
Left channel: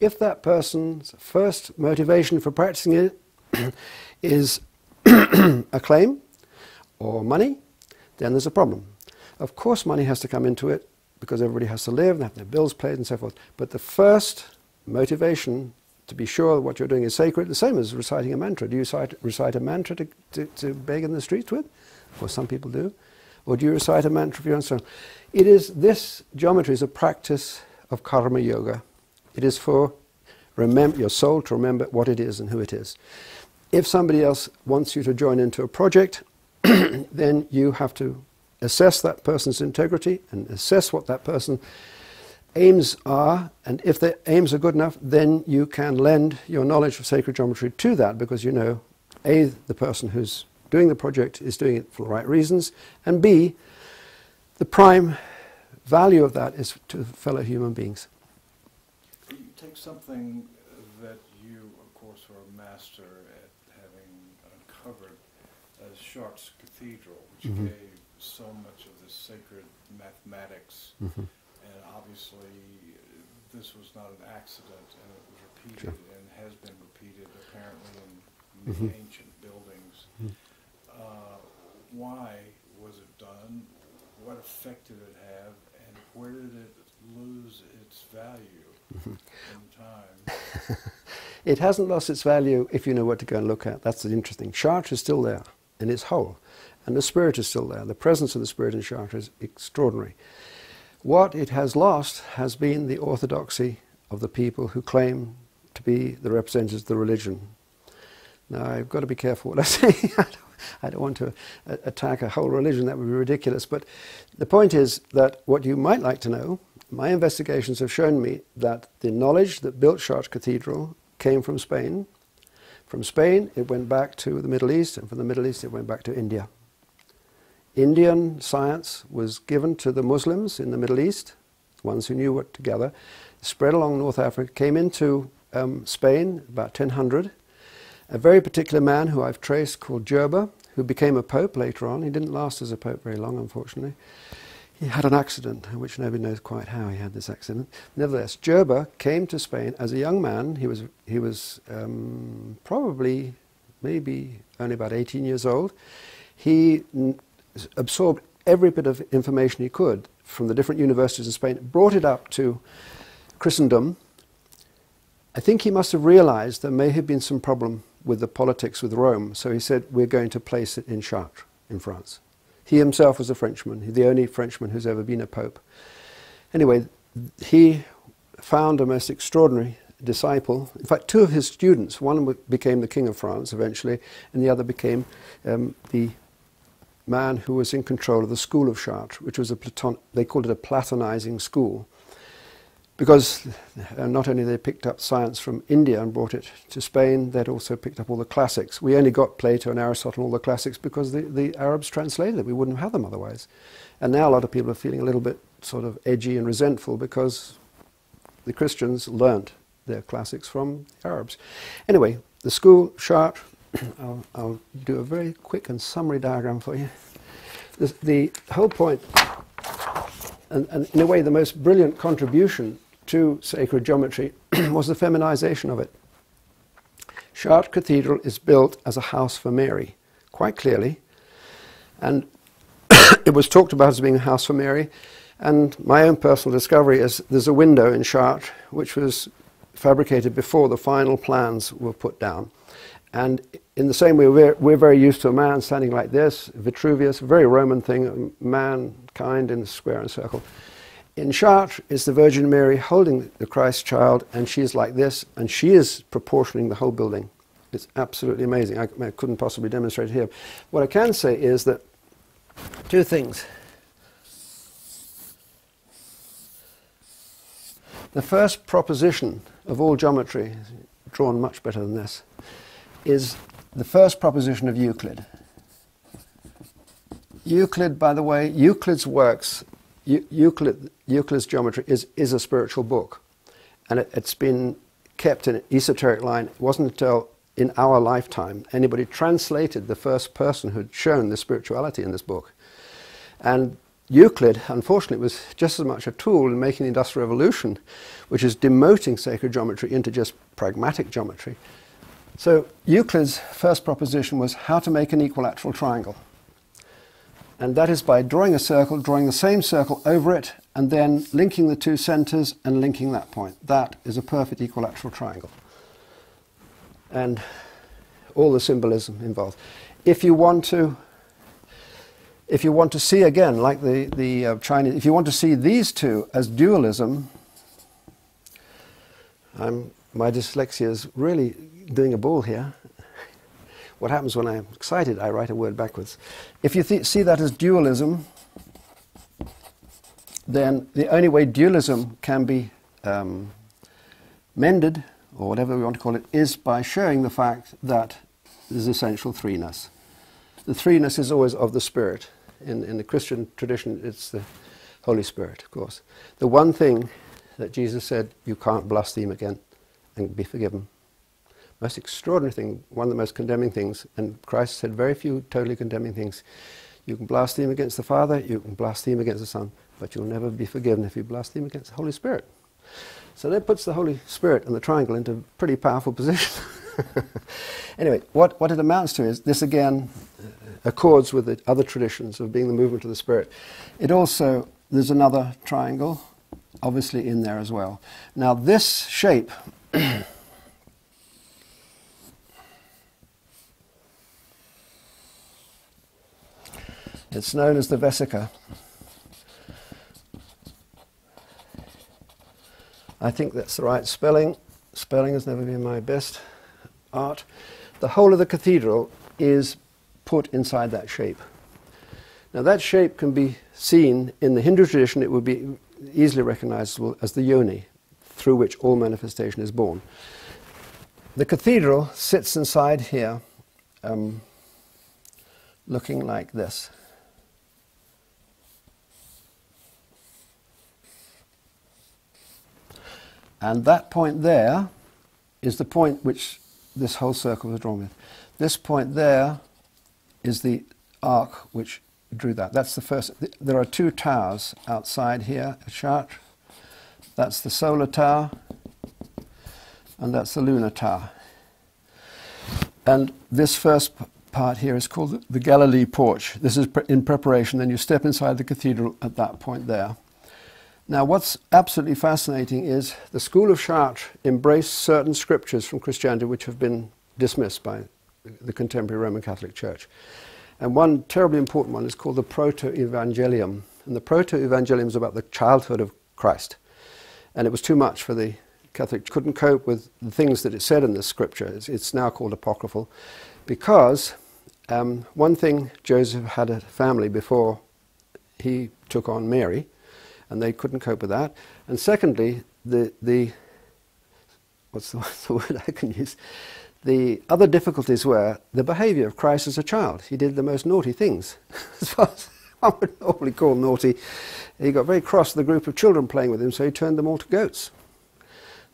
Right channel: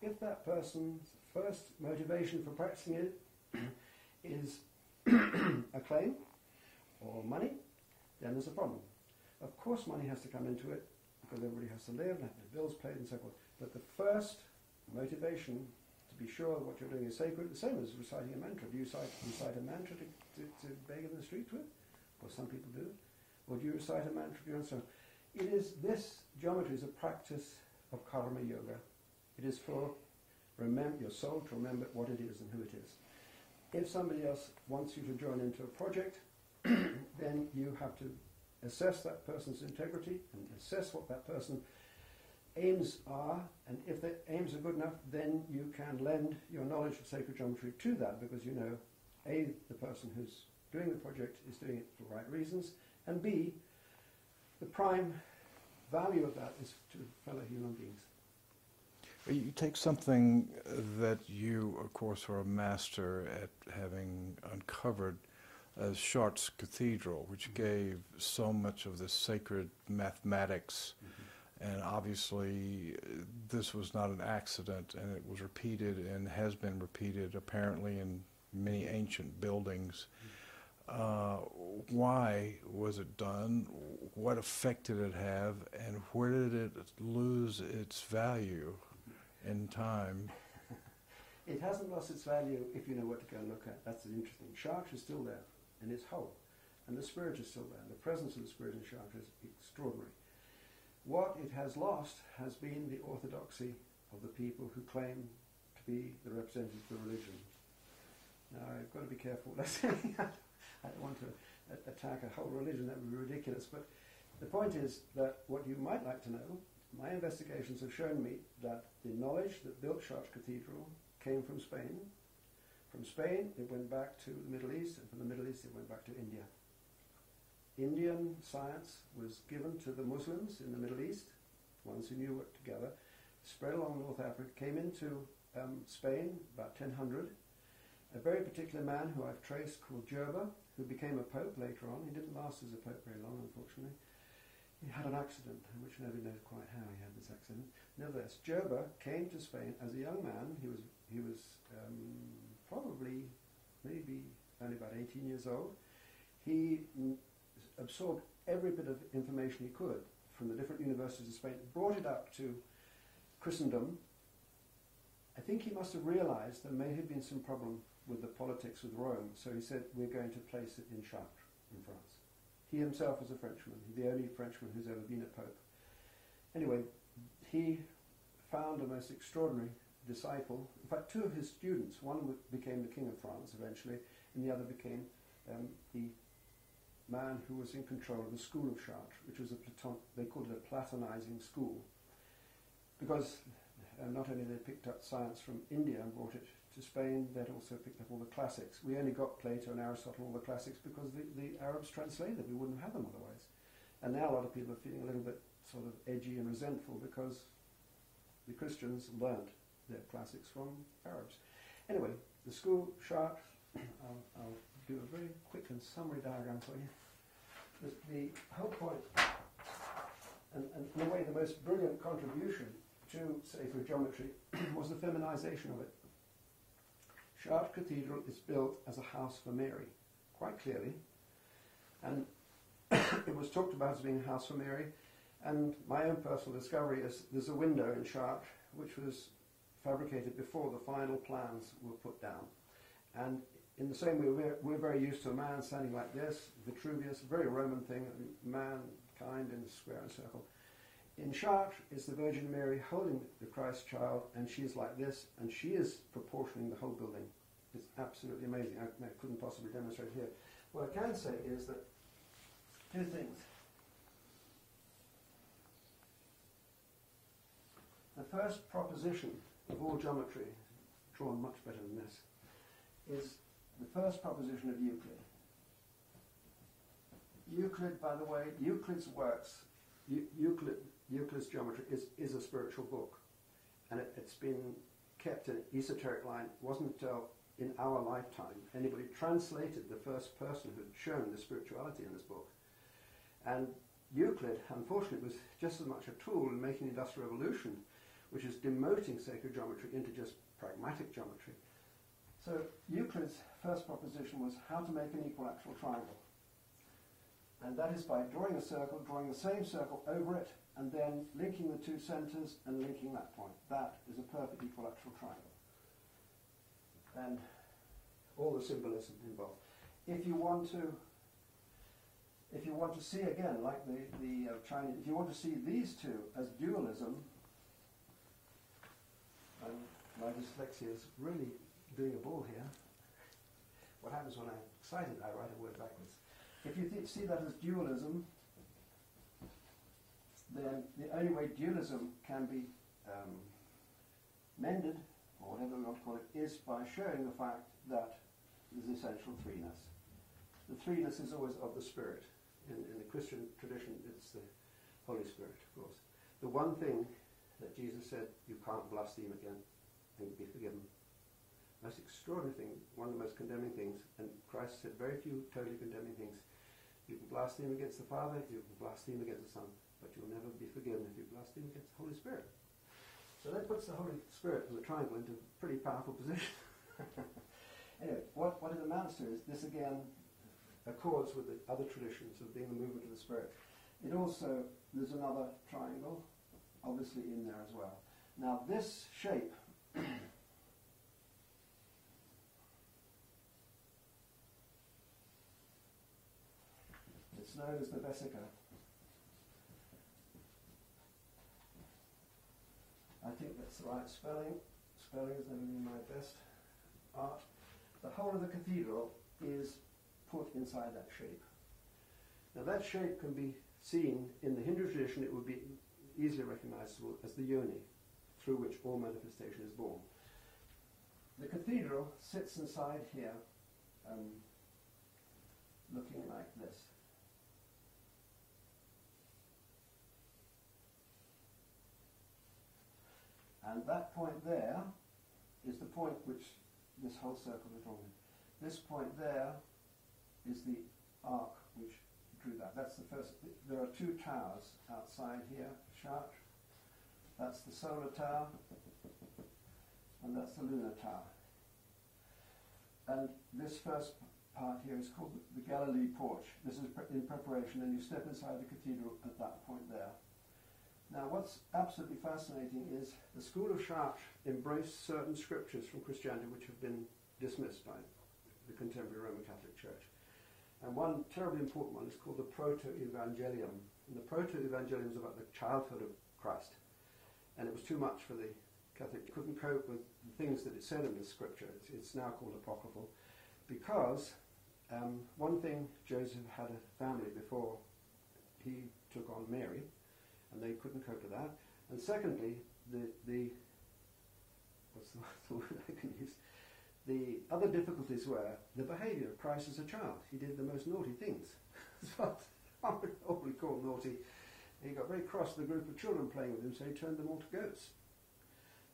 If that person's first motivation for practicing it is acclaim or money, then there's a problem. Of course money has to come into it, because everybody has to live and have their bills paid and so forth. But the first motivation to be sure what you're doing is sacred, the same as reciting a mantra. Do you recite a mantra to beg in the streets with? Or some people do. Or do you recite a mantra for your own soul? This geometry is a practice of karma yoga. It is for your soul to remember what it is and who it is. If somebody else wants you to join into a project, then you have to assess that person's integrity and assess what that person's aims are, and if their aims are good enough, then you can lend your knowledge of sacred geometry to that, because you know, A, the person who's doing the project is doing it for the right reasons, and B, the prime value of that is to fellow human beings. You take something that you, of course, are a master at having uncovered, as Chartres Cathedral, which gave so much of the sacred mathematics, and obviously this was not an accident, and it was repeated and has been repeated apparently in many ancient buildings. Why was it done? What effect did it have, and where did it lose its value in time? It hasn't lost its value if you know what to go and look at. That's the interesting. Chartres is still there in its whole, and the spirit is still there. The presence of the spirit in Chartres is extraordinary. What it has lost has been the orthodoxy of the people who claim to be the representatives of the religion. Now, I've got to be careful what I say. I don't want to attack a whole religion. That would be ridiculous. But the point is that what you might like to know, my investigations have shown me that the knowledge that built Chartres Cathedral came from Spain. From Spain, it went back to the Middle East, and from the Middle East, it went back to India. Indian science was given to the Muslims in the Middle East, ones who knew what to gather, spread along North Africa, came into Spain about 1000. A very particular man who I've traced called Gerber, who became a pope later on. He didn't last as a pope very long, unfortunately. He had an accident, which nobody knows quite how he had this accident. Nevertheless, Gerber came to Spain as a young man. He was probably, maybe only about 18 years old. He absorbed every bit of information he could from the different universities in Spain, brought it up to Christendom. I think he must have realized there may have been some problem with the politics with Rome, so he said, we're going to place it in Chartres, in France. He himself was a Frenchman, the only Frenchman who's ever been a pope. Anyway, he found a most extraordinary disciple. In fact, two of his students, one became the King of France eventually, and the other became the man who was in control of the school of Chartres, which was they called it a Platonizing school. because not only they picked up science from India and brought it to Spain, they'd also picked up all the classics. We only got Plato and Aristotle and all the classics because the Arabs translated it. We wouldn't have had them otherwise. And now a lot of people are feeling a little bit sort of edgy and resentful because the Christians learnt their classics from the Arabs. Anyway, the school, Chartres, I'll do a very quick and summary diagram for you. The whole point, and in a way the most brilliant contribution to sacred geometry was the feminization of it. Chartres Cathedral is built as a house for Mary, quite clearly, and it was talked about as being a house for Mary, and my own personal discovery is there's a window in Chartres which was fabricated before the final plans were put down. And in the same way, we're very used to a man standing like this, Vitruvius, a very Roman thing, mankind in a square and circle. In Chartres is the Virgin Mary holding the Christ child, and she is like this, and she is proportioning the whole building. It's absolutely amazing. I couldn't possibly demonstrate it here. What I can say is that two things. The first proposition of all geometry, drawn much better than this, is the first proposition of Euclid. Euclid, by the way, Euclid's works, Euclid's geometry is a spiritual book. And it's been kept in an esoteric line. It wasn't until in our lifetime anybody translated the first person who'd shown the spirituality in this book. And Euclid, unfortunately, was just as much a tool in making the Industrial Revolution, which is demoting sacred geometry into just pragmatic geometry. So Euclid's first proposition was how to make an equilateral triangle. And that is by drawing a circle, drawing the same circle over it, and then linking the two centers and linking that point. That is a perfect equilateral triangle. And all the symbolism involved. If you want to see again, like the Chinese, if you want to see these two as dualism, my dyslexia is really doing a ball here. What happens when I'm excited? I write a word backwards. If you see that as dualism, then the only way dualism can be mended, or whatever we want to call it, is by showing the fact that there's essential threeness. The threeness is always of the Spirit. In the Christian tradition, it's the Holy Spirit, of course. The one thing that Jesus said, you can't blaspheme again and be forgiven. Most extraordinary thing, one of the most condemning things, and Christ said very few totally condemning things. You can blaspheme against the Father, you can blaspheme against the Son, but you'll never be forgiven if you blaspheme against the Holy Spirit. So that puts the Holy Spirit and the triangle into a pretty powerful position. Anyway, what it amounts to is, this again accords with the other traditions of being the movement of the Spirit. It also, there's another triangle, obviously in there as well. Now this shape, it's known as the vesica. I think that's the right spelling. Spelling has never been my best art. The whole of the cathedral is put inside that shape. Now that shape can be seen in the Hindu tradition. It would be easily recognizable as the yoni, through which all manifestation is born. The cathedral sits inside here, looking like this. And that point there is the point which this whole circle was drawn with. This point there is the arc which drew that. That's the first. There are two towers outside here at Chartres. That's the solar tower, and that's the lunar tower. And this first part here is called the Galilee Porch. This is in preparation. Then you step inside the cathedral at that point there. Now, what's absolutely fascinating is the school of Chartres embraced certain scriptures from Christianity which have been dismissed by the contemporary Roman Catholic Church. And one terribly important one is called the Protoevangelium. And the Protoevangelium is about the childhood of Christ. And it was too much for the Catholic. Couldn't cope with the things that it said in this scripture. It's now called apocryphal. Because one thing, Joseph had a family before he took on Mary, and they couldn't cope with that. And secondly, what's the word I can use? The other difficulties were the behaviour of Christ as a child. He did the most naughty things, as far as one would normally call naughty. He got very cross with a group of children playing with him, so he turned them all to goats.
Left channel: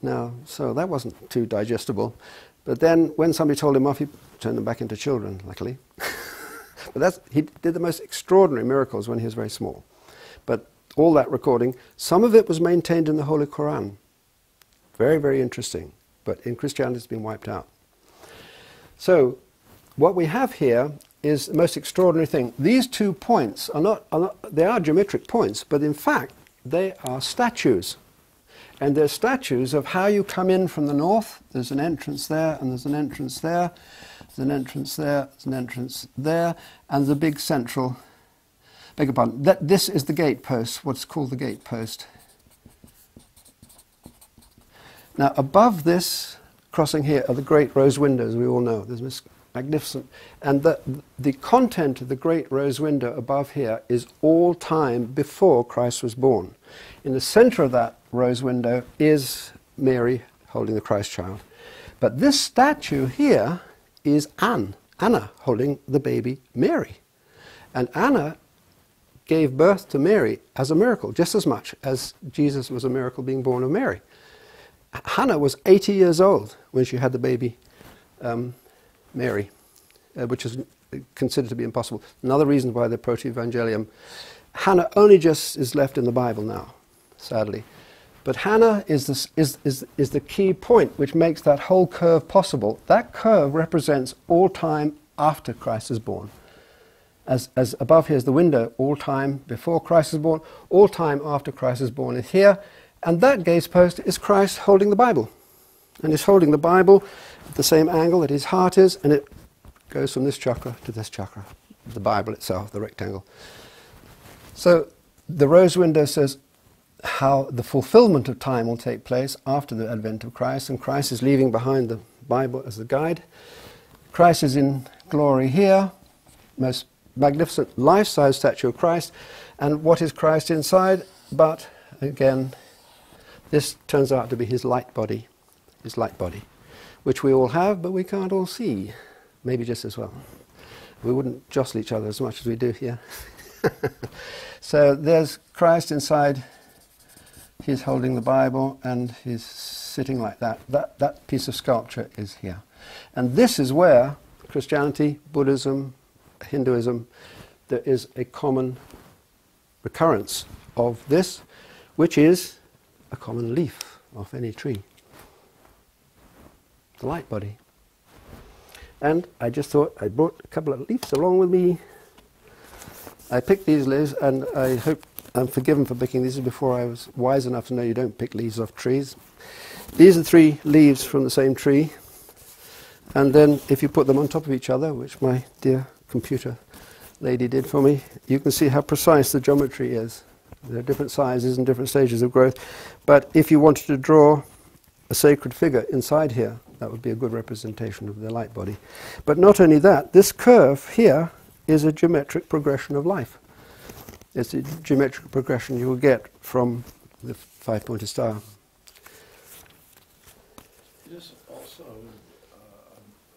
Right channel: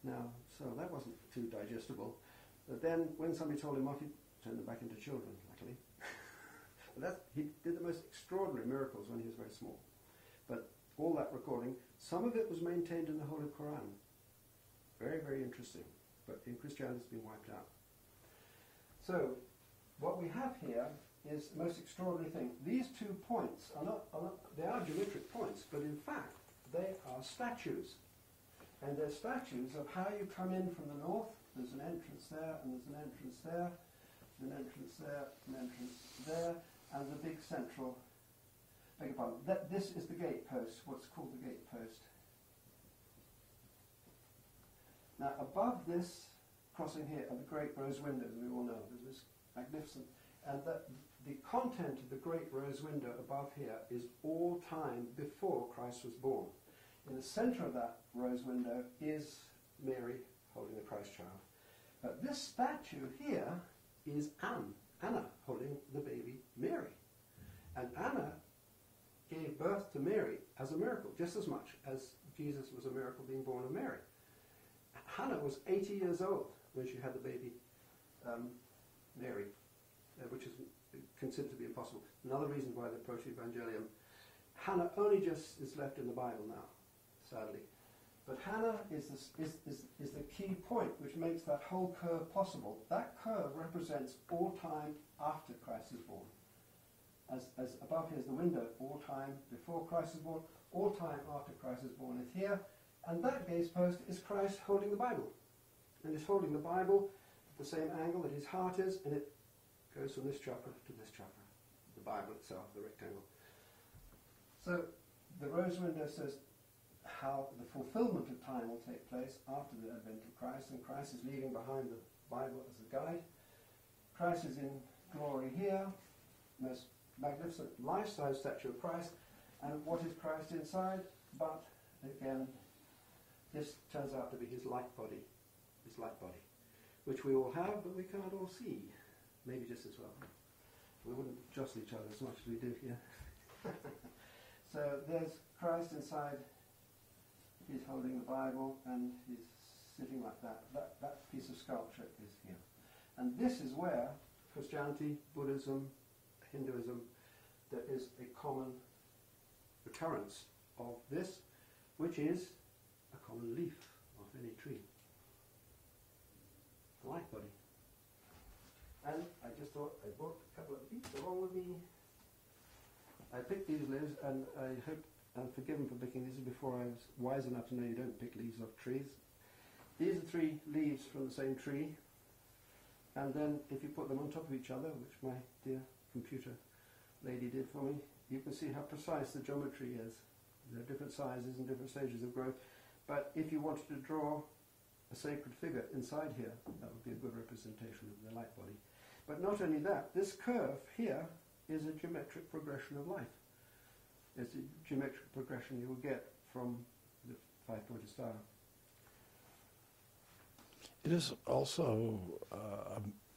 Now, so that wasn't too digestible. But then when somebody told him off, he turned them back into children, luckily. But he did the most extraordinary miracles when he was very small. But all that recording, some of it was maintained in the Holy Quran. Very, very interesting. But in Christianity it's been wiped out. So what we have here is the most extraordinary thing. These 2 points they are geometric points, but in fact they are statues. And they're statues of how you come in from the north. There's an entrance there, and there's an entrance there, there's an entrance there, there's an entrance there, and the big central, beg your pardon, this is the gate post, what's called the gate post. Now above this, crossing here, are the great rose windows, we all know. There's this magnificent, and the content of the great rose window above here is all time before Christ was born. In the center of that rose window is Mary holding the Christ child. But this statue here is Anna holding the baby Mary. And Anna gave birth to Mary as a miracle, just as much as Jesus was a miracle being born of Mary. Hannah was 80 years old when she had the baby Mary, which is considered to be impossible. Another reason why the Protoevangelium, Hannah only just is left in the Bible now, sadly. But Hannah is the key point which makes that whole curve possible. That curve represents all time after Christ is born. As above here is the window, all time before Christ is born, all time after Christ is born is here. And that gaze post is Christ holding the Bible. And he's holding the Bible at the same angle that his heart is, and it goes from this chakra to this chakra, the Bible itself, the rectangle. So the rose window says how the fulfillment of time will take place after the advent of Christ, and Christ is leaving behind the Bible as a guide. Christ is in glory here, most magnificent life-size statue of Christ. And what is Christ inside? But, again, this turns out to be his light body, which we all have, but we can't all see, maybe just as well. We wouldn't jostle each other as much as we do here. So there's Christ inside. He's holding the Bible and he's sitting like that. That piece of sculpture is here. And this is where Christianity, Buddhism, Hinduism, there is a common recurrence of this, which is a common leaf of any tree. The light body. And I just thought I brought a couple of leaves along with me. I picked these leaves, and I hope I'm forgiven for picking these before I was wise enough to know you don't pick leaves off trees. These are 3 leaves from the same tree, and then if you put them on top of each other, which my dear computer lady did for me, you can see how precise the geometry is. There are different sizes and different stages of growth, but if you wanted to draw a sacred figure inside here, that would be a good representation of the light body. But not only that, this curve here is a geometric progression of life. It's a geometric progression you will get from the 5-pointed star. It is also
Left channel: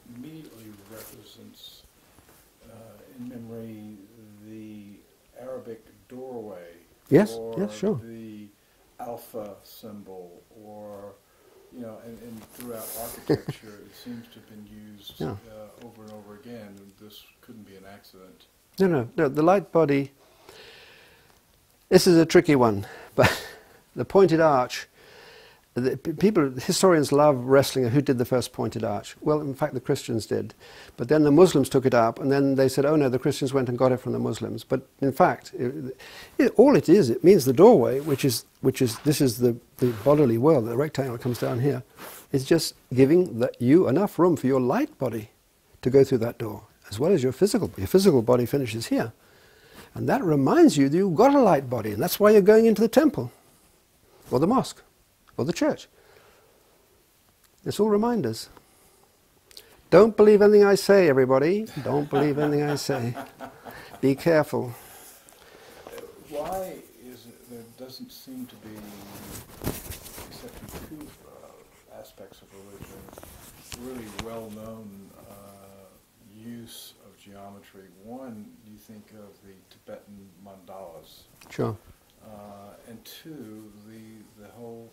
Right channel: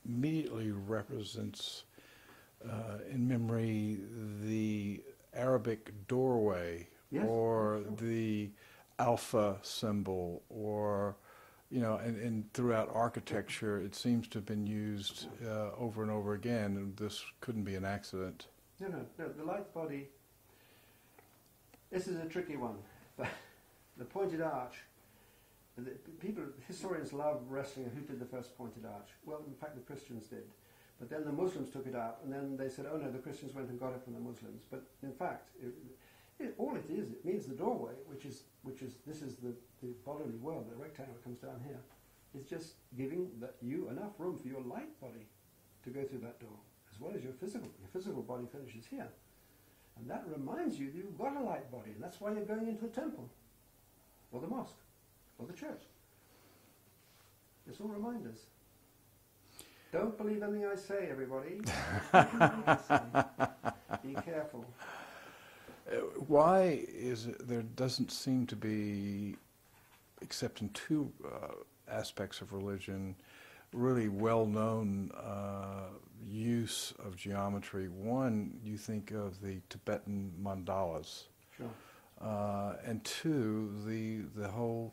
immediately represents in memory the Arabic doorway, or sure. the alpha symbol, or and throughout architecture it seems to have been used over and over again, and this couldn't be an accident. No, the light body, this is a tricky one, but the pointed arch, historians love wrestling who did the first pointed arch. Well, in fact, the Christians did. But then the Muslims took it up, and then they said, oh no, the Christians went and got it from the Muslims. But in fact, all it is, it means the doorway, which is this is the bodily world, the rectangle that comes down here, is just giving you enough room for your light body to go through that door, as well as your physical body. Your physical body finishes here. And that reminds you that you've got a light body, and that's why you're going into the temple, or the mosque, or the church. It's all reminders. Don't believe anything I say, everybody. Don't believe anything I say. Be careful. Why is it there doesn't seem to be except in two aspects of religion, really well-known use of geometry. One, you think of the Tibetan mandalas. Sure. And two, the whole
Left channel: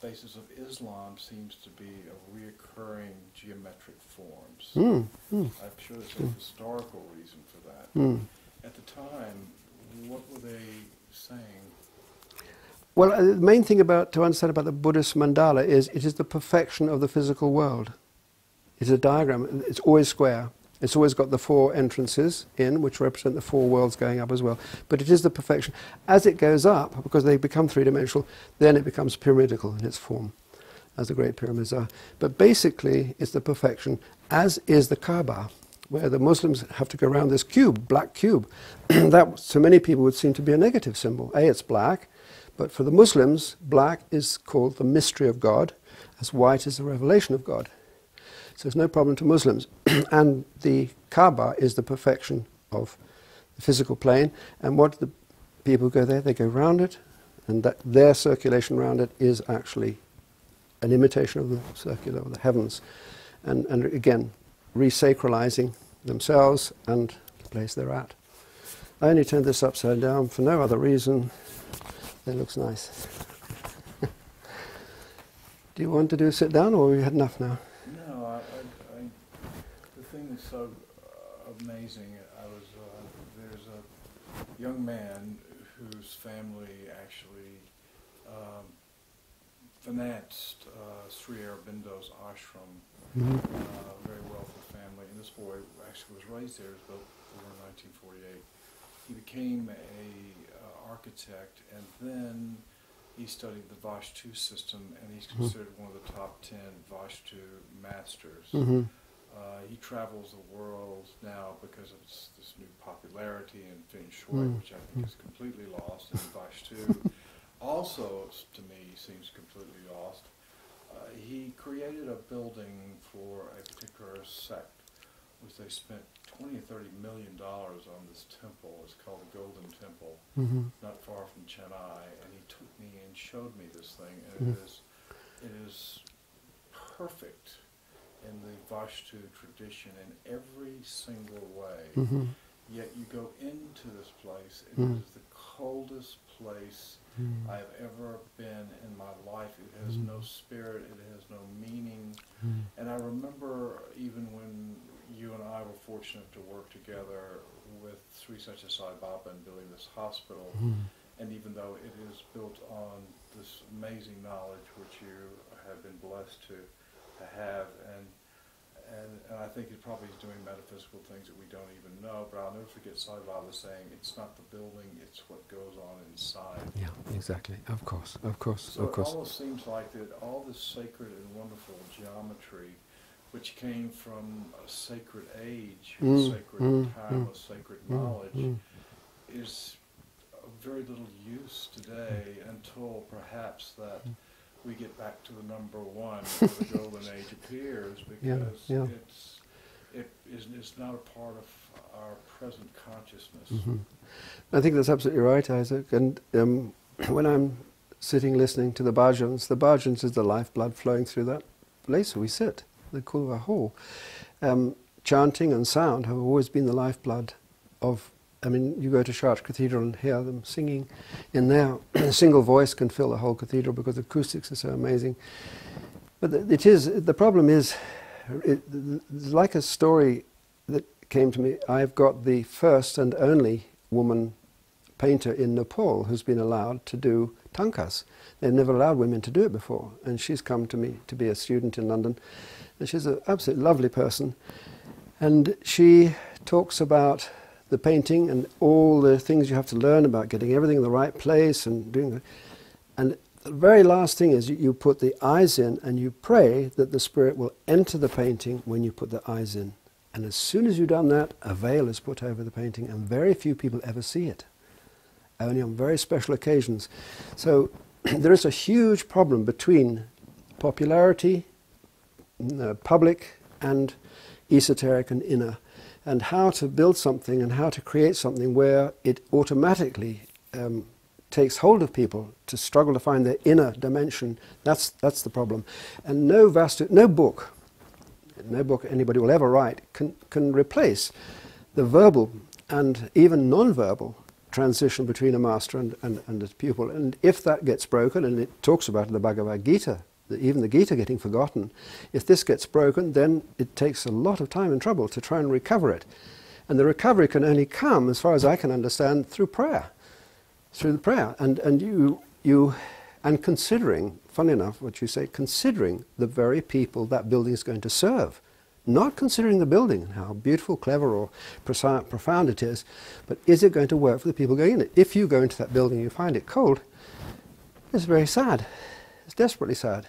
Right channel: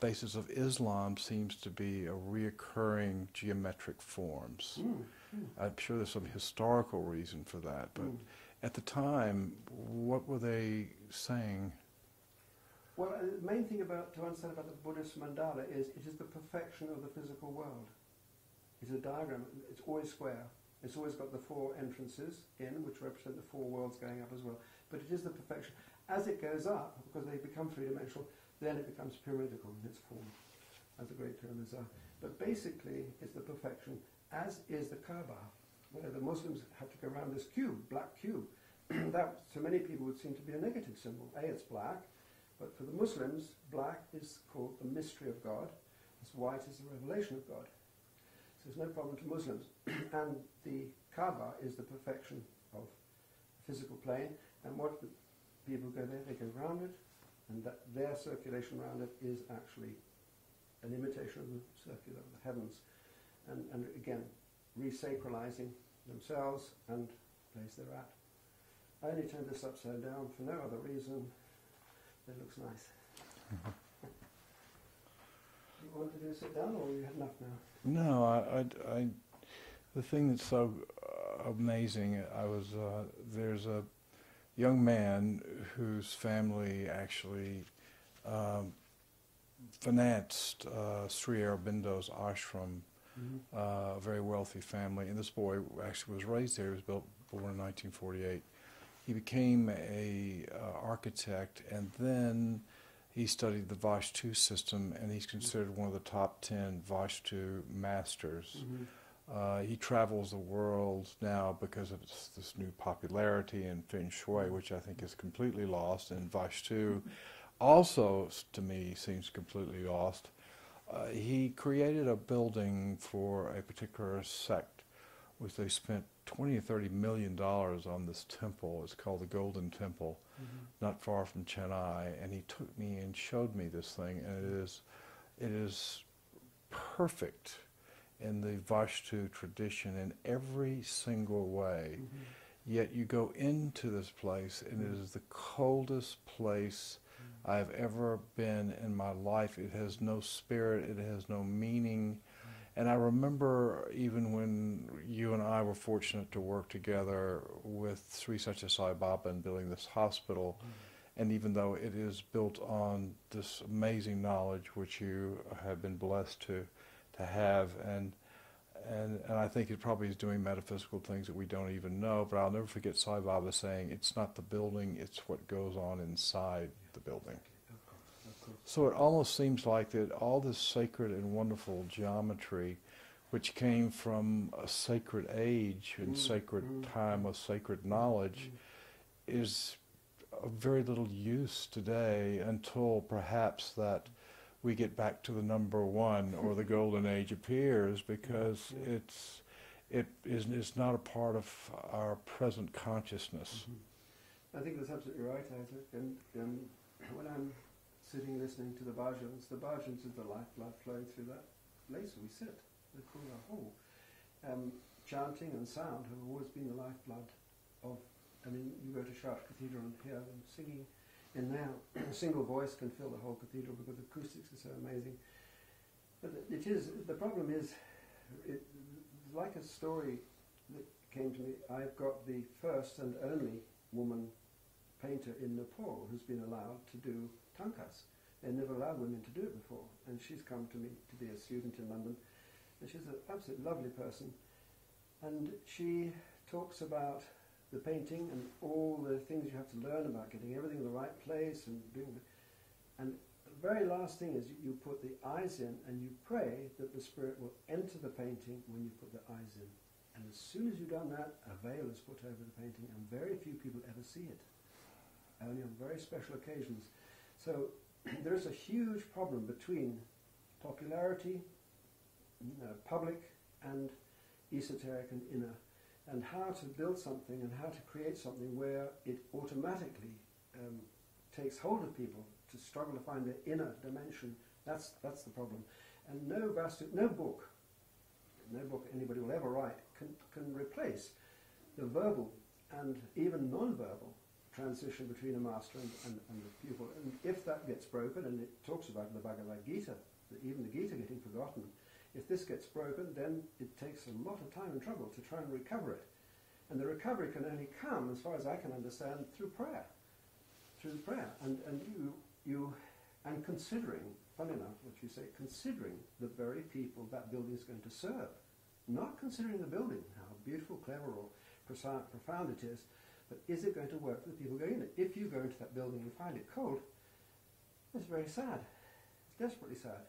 basis of Islam seems to be a reoccurring geometric forms. I'm sure there's a historical reason for that. At the time, what were they saying? Well, the main thing to understand about the Buddhist mandala is it is the perfection of the physical world. It's a diagram. It's always square. It's always got the four entrances in, which represent the four worlds going up as well. But it is the perfection. As it goes up, because they become three-dimensional, then it becomes pyramidical in its form, as the Great Pyramids are. But basically, it's the perfection, as is the Kaaba, where the Muslims have to go around this cube, black cube. That, to many people, would seem to be a negative symbol. It's black, but for the Muslims, black is called the mystery of God, as white is the revelation of God. So it's no problem to Muslims. And the Kaaba is the perfection of the physical plane. And what the people go there, they go round it, and that their circulation around it is actually an imitation of the circular of the heavens. And again, resacralizing themselves and the place they're at. I only turned this upside down for no other reason. It looks nice. Do you want to do a sit down, or have we had enough now? No, the thing that's so amazing, there's a young man whose family actually financed Sri Aurobindo's ashram, a very wealthy family, and this boy actually was raised there. He was born in 1948. He became a architect, and then he studied the Vashta system, and he's considered one of the top 10 Vashta masters. He travels the world now because of this new popularity in Feng Shui, which I think is completely lost, and Vashta also, to me, seems completely lost. He created a building for a particular sect, which they spent $20 or $30 million on this temple. It's called the Golden Temple, not far from Chennai. And he took me and showed me this thing, and it is perfect in the Vashta tradition in every single way. Yet you go into this place, and it is the coldest place I've ever been in my life. It has no spirit, it has no meaning. And I remember even when you and I were fortunate to work together with Sri Satya Sai Baba in building this hospital, and even though it is built on this amazing knowledge which you have been blessed to have, and I think it probably is doing metaphysical things that we don't even know, but I'll never forget Sai Baba saying, it's not the building, it's what goes on inside. Yeah, exactly. Of course, of course. So it almost seems like that all this sacred and wonderful geometry, which came from a sacred age, a sacred time, a sacred knowledge, is of very little use today until perhaps that we get back to the number one, or the golden age appears, because it's not a part of our present consciousness. I think that's absolutely right, Isaac. And when I'm sitting listening to the bhajans is the lifeblood flowing through that place where we sit, the Kulva hall. Chanting and sound have always been the lifeblood of. I mean, you go to Chartres Cathedral and hear them singing in there. A single voice can fill the whole cathedral because the acoustics are so amazing. But the problem is, it's like a story that came to me. I've got the first and only woman painter in Nepal who's been allowed to do tankas. They've never allowed women to do it before. And she's come to me to be a student in London. And she's an absolutely lovely person. And she talks about the painting and all the things you have to learn about getting everything in the right place and doing that. And the very last thing is you put the eyes in and you pray that the spirit will enter the painting when you put the eyes in. And as soon as you've done that, a veil is put over the painting, and very few people ever see it, only on very special occasions. So there is a huge problem between popularity, public, and esoteric and inner, and how to build something and how to create something where it automatically takes hold of people to struggle to find their inner dimension. That's the problem. And no book anybody will ever write can replace the verbal and even non-verbal transition between a master and a pupil. And if that gets broken, and it talks about in the Bhagavad Gita, even the Gita getting forgotten, if this gets broken, then it takes a lot of time and trouble to try and recover it. And the recovery can only come, as far as I can understand, through prayer. Through the prayer. And considering, funny enough, what you say, considering the very people that building is going to serve. Not considering the building and how beautiful, clever, or profound it is, but is it going to work for the people going in it? If you go into that building and you find it cold, it's very sad. It's desperately sad.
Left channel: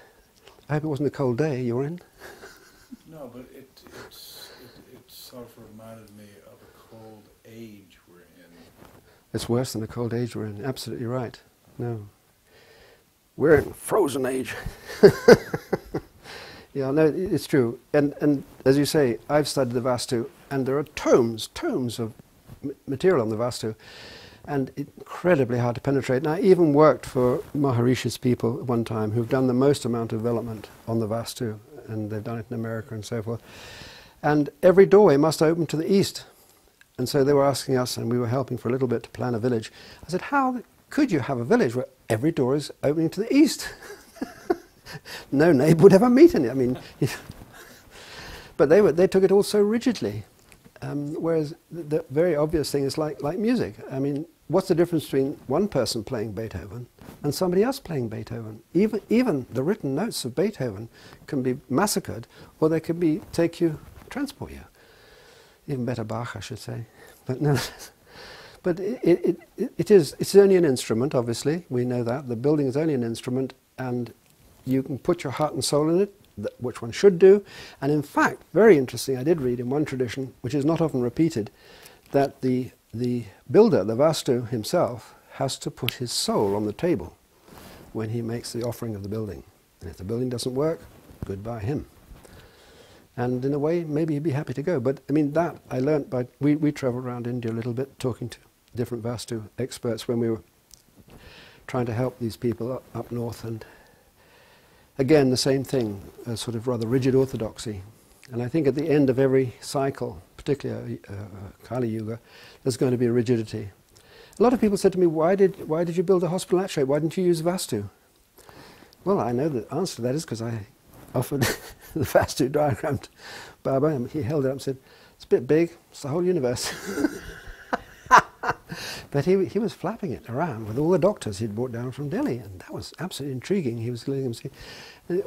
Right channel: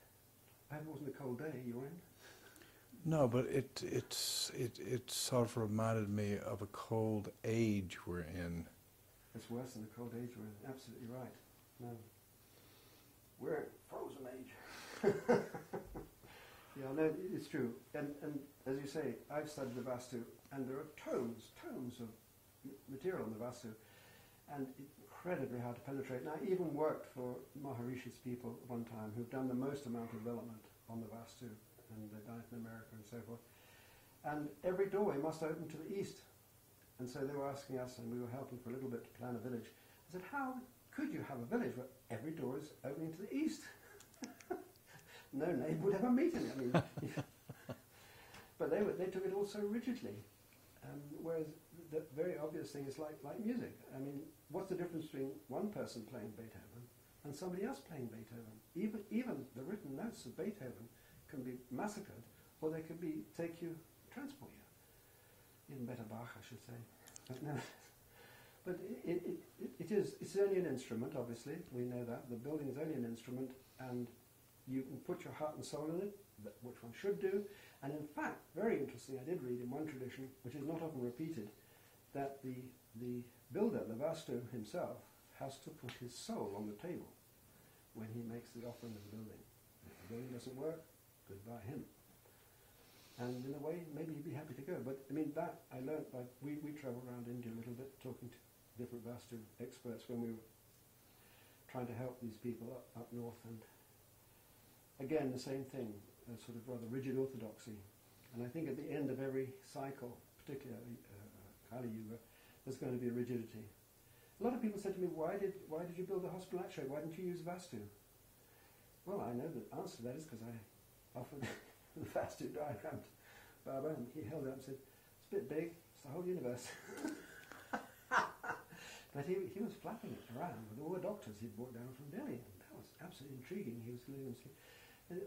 I hope it wasn't a cold day you were in. No, but it sort of reminded me of a cold age we're in. It's worse than the cold age we're in. Absolutely right. No. We're in frozen age. Yeah, no, it's true. And as you say, I've studied the Vastu, and there are tomes of material on the Vastu, and incredibly hard to penetrate. And I even worked for Maharishi's people at one time who've done the most amount of development on the Vastu, and they've done it in America and so forth. And every doorway must open to the east. And so they were asking us, and we were helping for a little bit to plan a village. I said, how could you have a village where every door is opening to the east? No neighbour would ever meet any. I mean, but they took it all so rigidly. Whereas the very obvious thing is like music. I mean, what's the difference between one person playing Beethoven and somebody else playing Beethoven? Even the written notes of Beethoven can be massacred, or they can transport you. Even better Bach, I should say. But no. But it's only an instrument, obviously. We know that. The building is only an instrument, and you can put your heart and soul in it, which one should do. And in fact, very interesting, I did read in one tradition, which is not often repeated, that the builder, the Vastu himself, has to put his soul on the table when he makes the offering of the building. And if the building doesn't work, goodbye him. And in a way, maybe he'd be happy to go. But I mean, that I learnt by, we travelled around India a little bit, talking to different Vastu experts when we were trying to help these people up north. And again, the same thing, a sort of rather rigid orthodoxy. And I think at the end of every cycle, particularly Kali Yuga, there's going to be a rigidity. A lot of people said to me, why did you build a hospital that shape? Why didn't you use Vastu? Well, I know the answer to that is because I offered the Vastu diagram to Baba, and he held it up and said, it's a bit big, it's the whole universe. But he was flapping it around with all the doctors he'd brought down from Delhi, and that was absolutely intriguing. He was letting them see.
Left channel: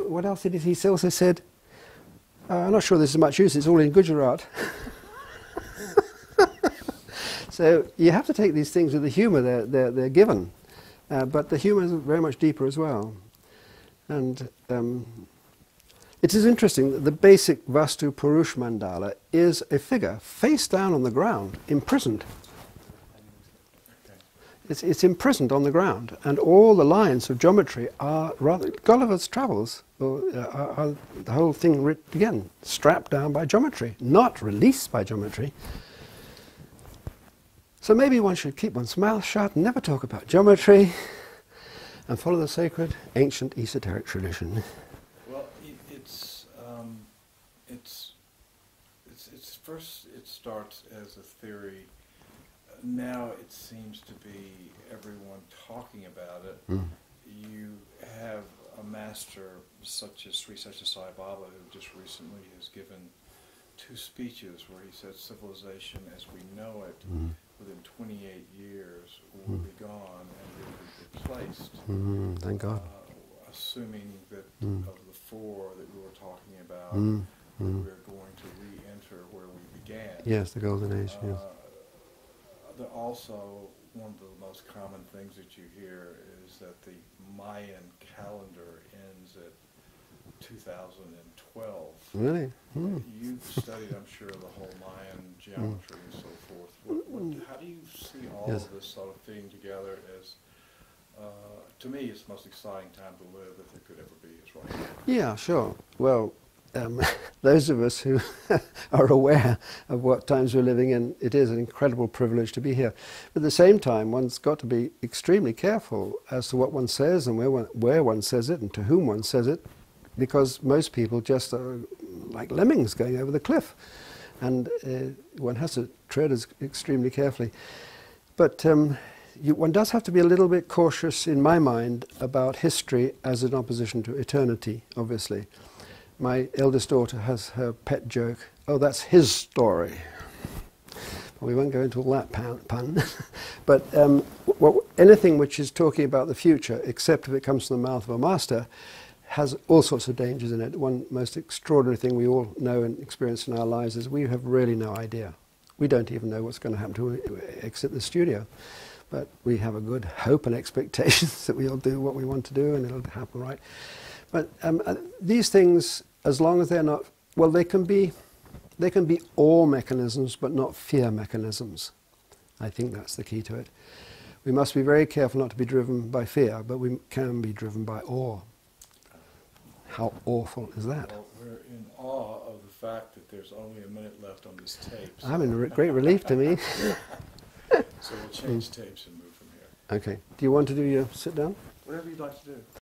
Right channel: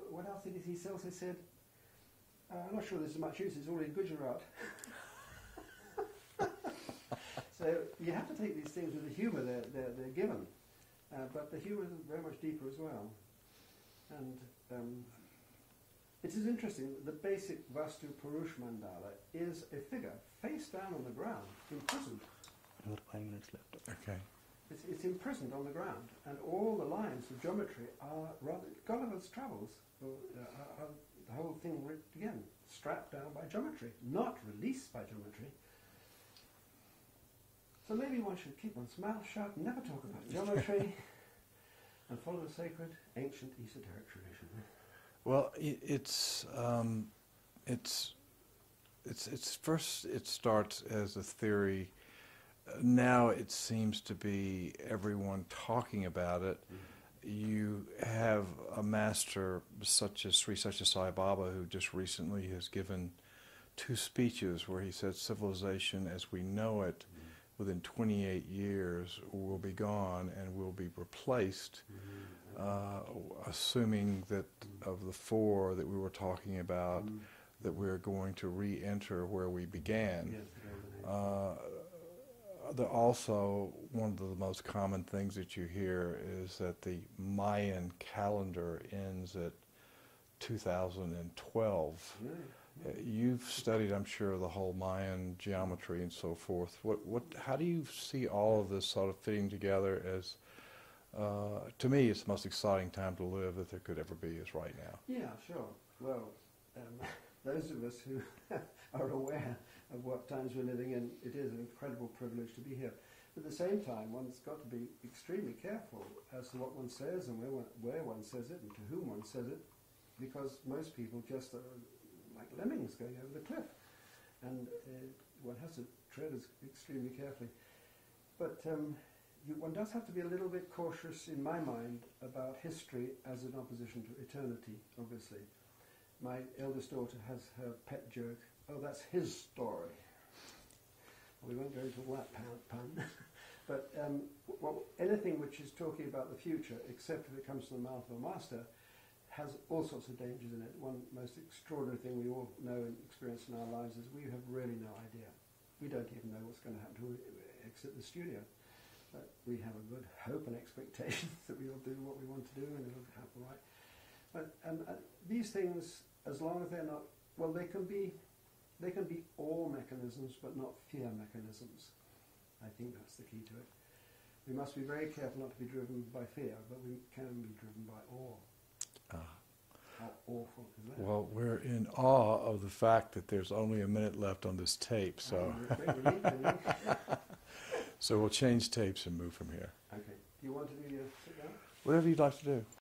What else did he also said? I'm not sure there's much use, it's all in Gujarat. So you have to take these things with the humour they're given, but the humour is very much deeper as well. And it is interesting that the basic Vastu Purush Mandala is a figure face down on the ground, imprisoned. It's imprisoned on the ground, and all the lines of geometry are rather Gulliver's Travels, are the whole thing again strapped down by geometry, not released by geometry. So maybe one should keep one's mouth shut and never talk about geometry, and follow the sacred, ancient, esoteric tradition. Well, first it starts as a theory. Now it seems to be everyone talking about it. Mm. You have a master such as Sri Satya Sai Baba, who just recently has given 2 speeches where he said civilization as we know it within 28 years will be gone and will be replaced. Thank God. Assuming that of the 4 that we were talking about, that we're going to re-enter where we began. Yes, the Golden Age. Yes. Also, one of the most common things that you hear is that the Mayan calendar ends at 2012. Really? You've studied, I'm sure, the whole Mayan geometry and so forth. How do you see all of this sort of fitting together as, to me, it's the most exciting time to live that there could ever be is right now? Yeah, sure. Well, those of us who are aware of what times we're living in, it is an incredible privilege to be here. But at the same time, one's got to be extremely careful as to what one says and where one says it and to whom one says it, because most people just are like lemmings going over the cliff. And one has to tread extremely carefully. But one does have to be a little bit cautious, in my mind, about history as an opposition to eternity, obviously. My eldest daughter has her pet joke, oh, that's his story. Well, we won't go into all that pun. But anything which is talking about the future, except if it comes from the mouth of a master, has all sorts of dangers in it. One most extraordinary thing we all know and experience in our lives is we have really no idea. We don't even know what's going to happen to exit the studio. But we have a good hope and expectations that we'll do what we want to do and it'll happen right. But these things, as long as they're not, well, they can be awe mechanisms, but not fear mechanisms. I think that's the key to it. We must be very careful not to be driven by fear, but we can be driven by awe. How awful is that? Well, we're in awe of the fact that there's only a minute left on this tape. So. I'm in great relief to me. So we'll change tapes and move from here. Okay. Do you want to do your sit down? Whatever you'd like to do.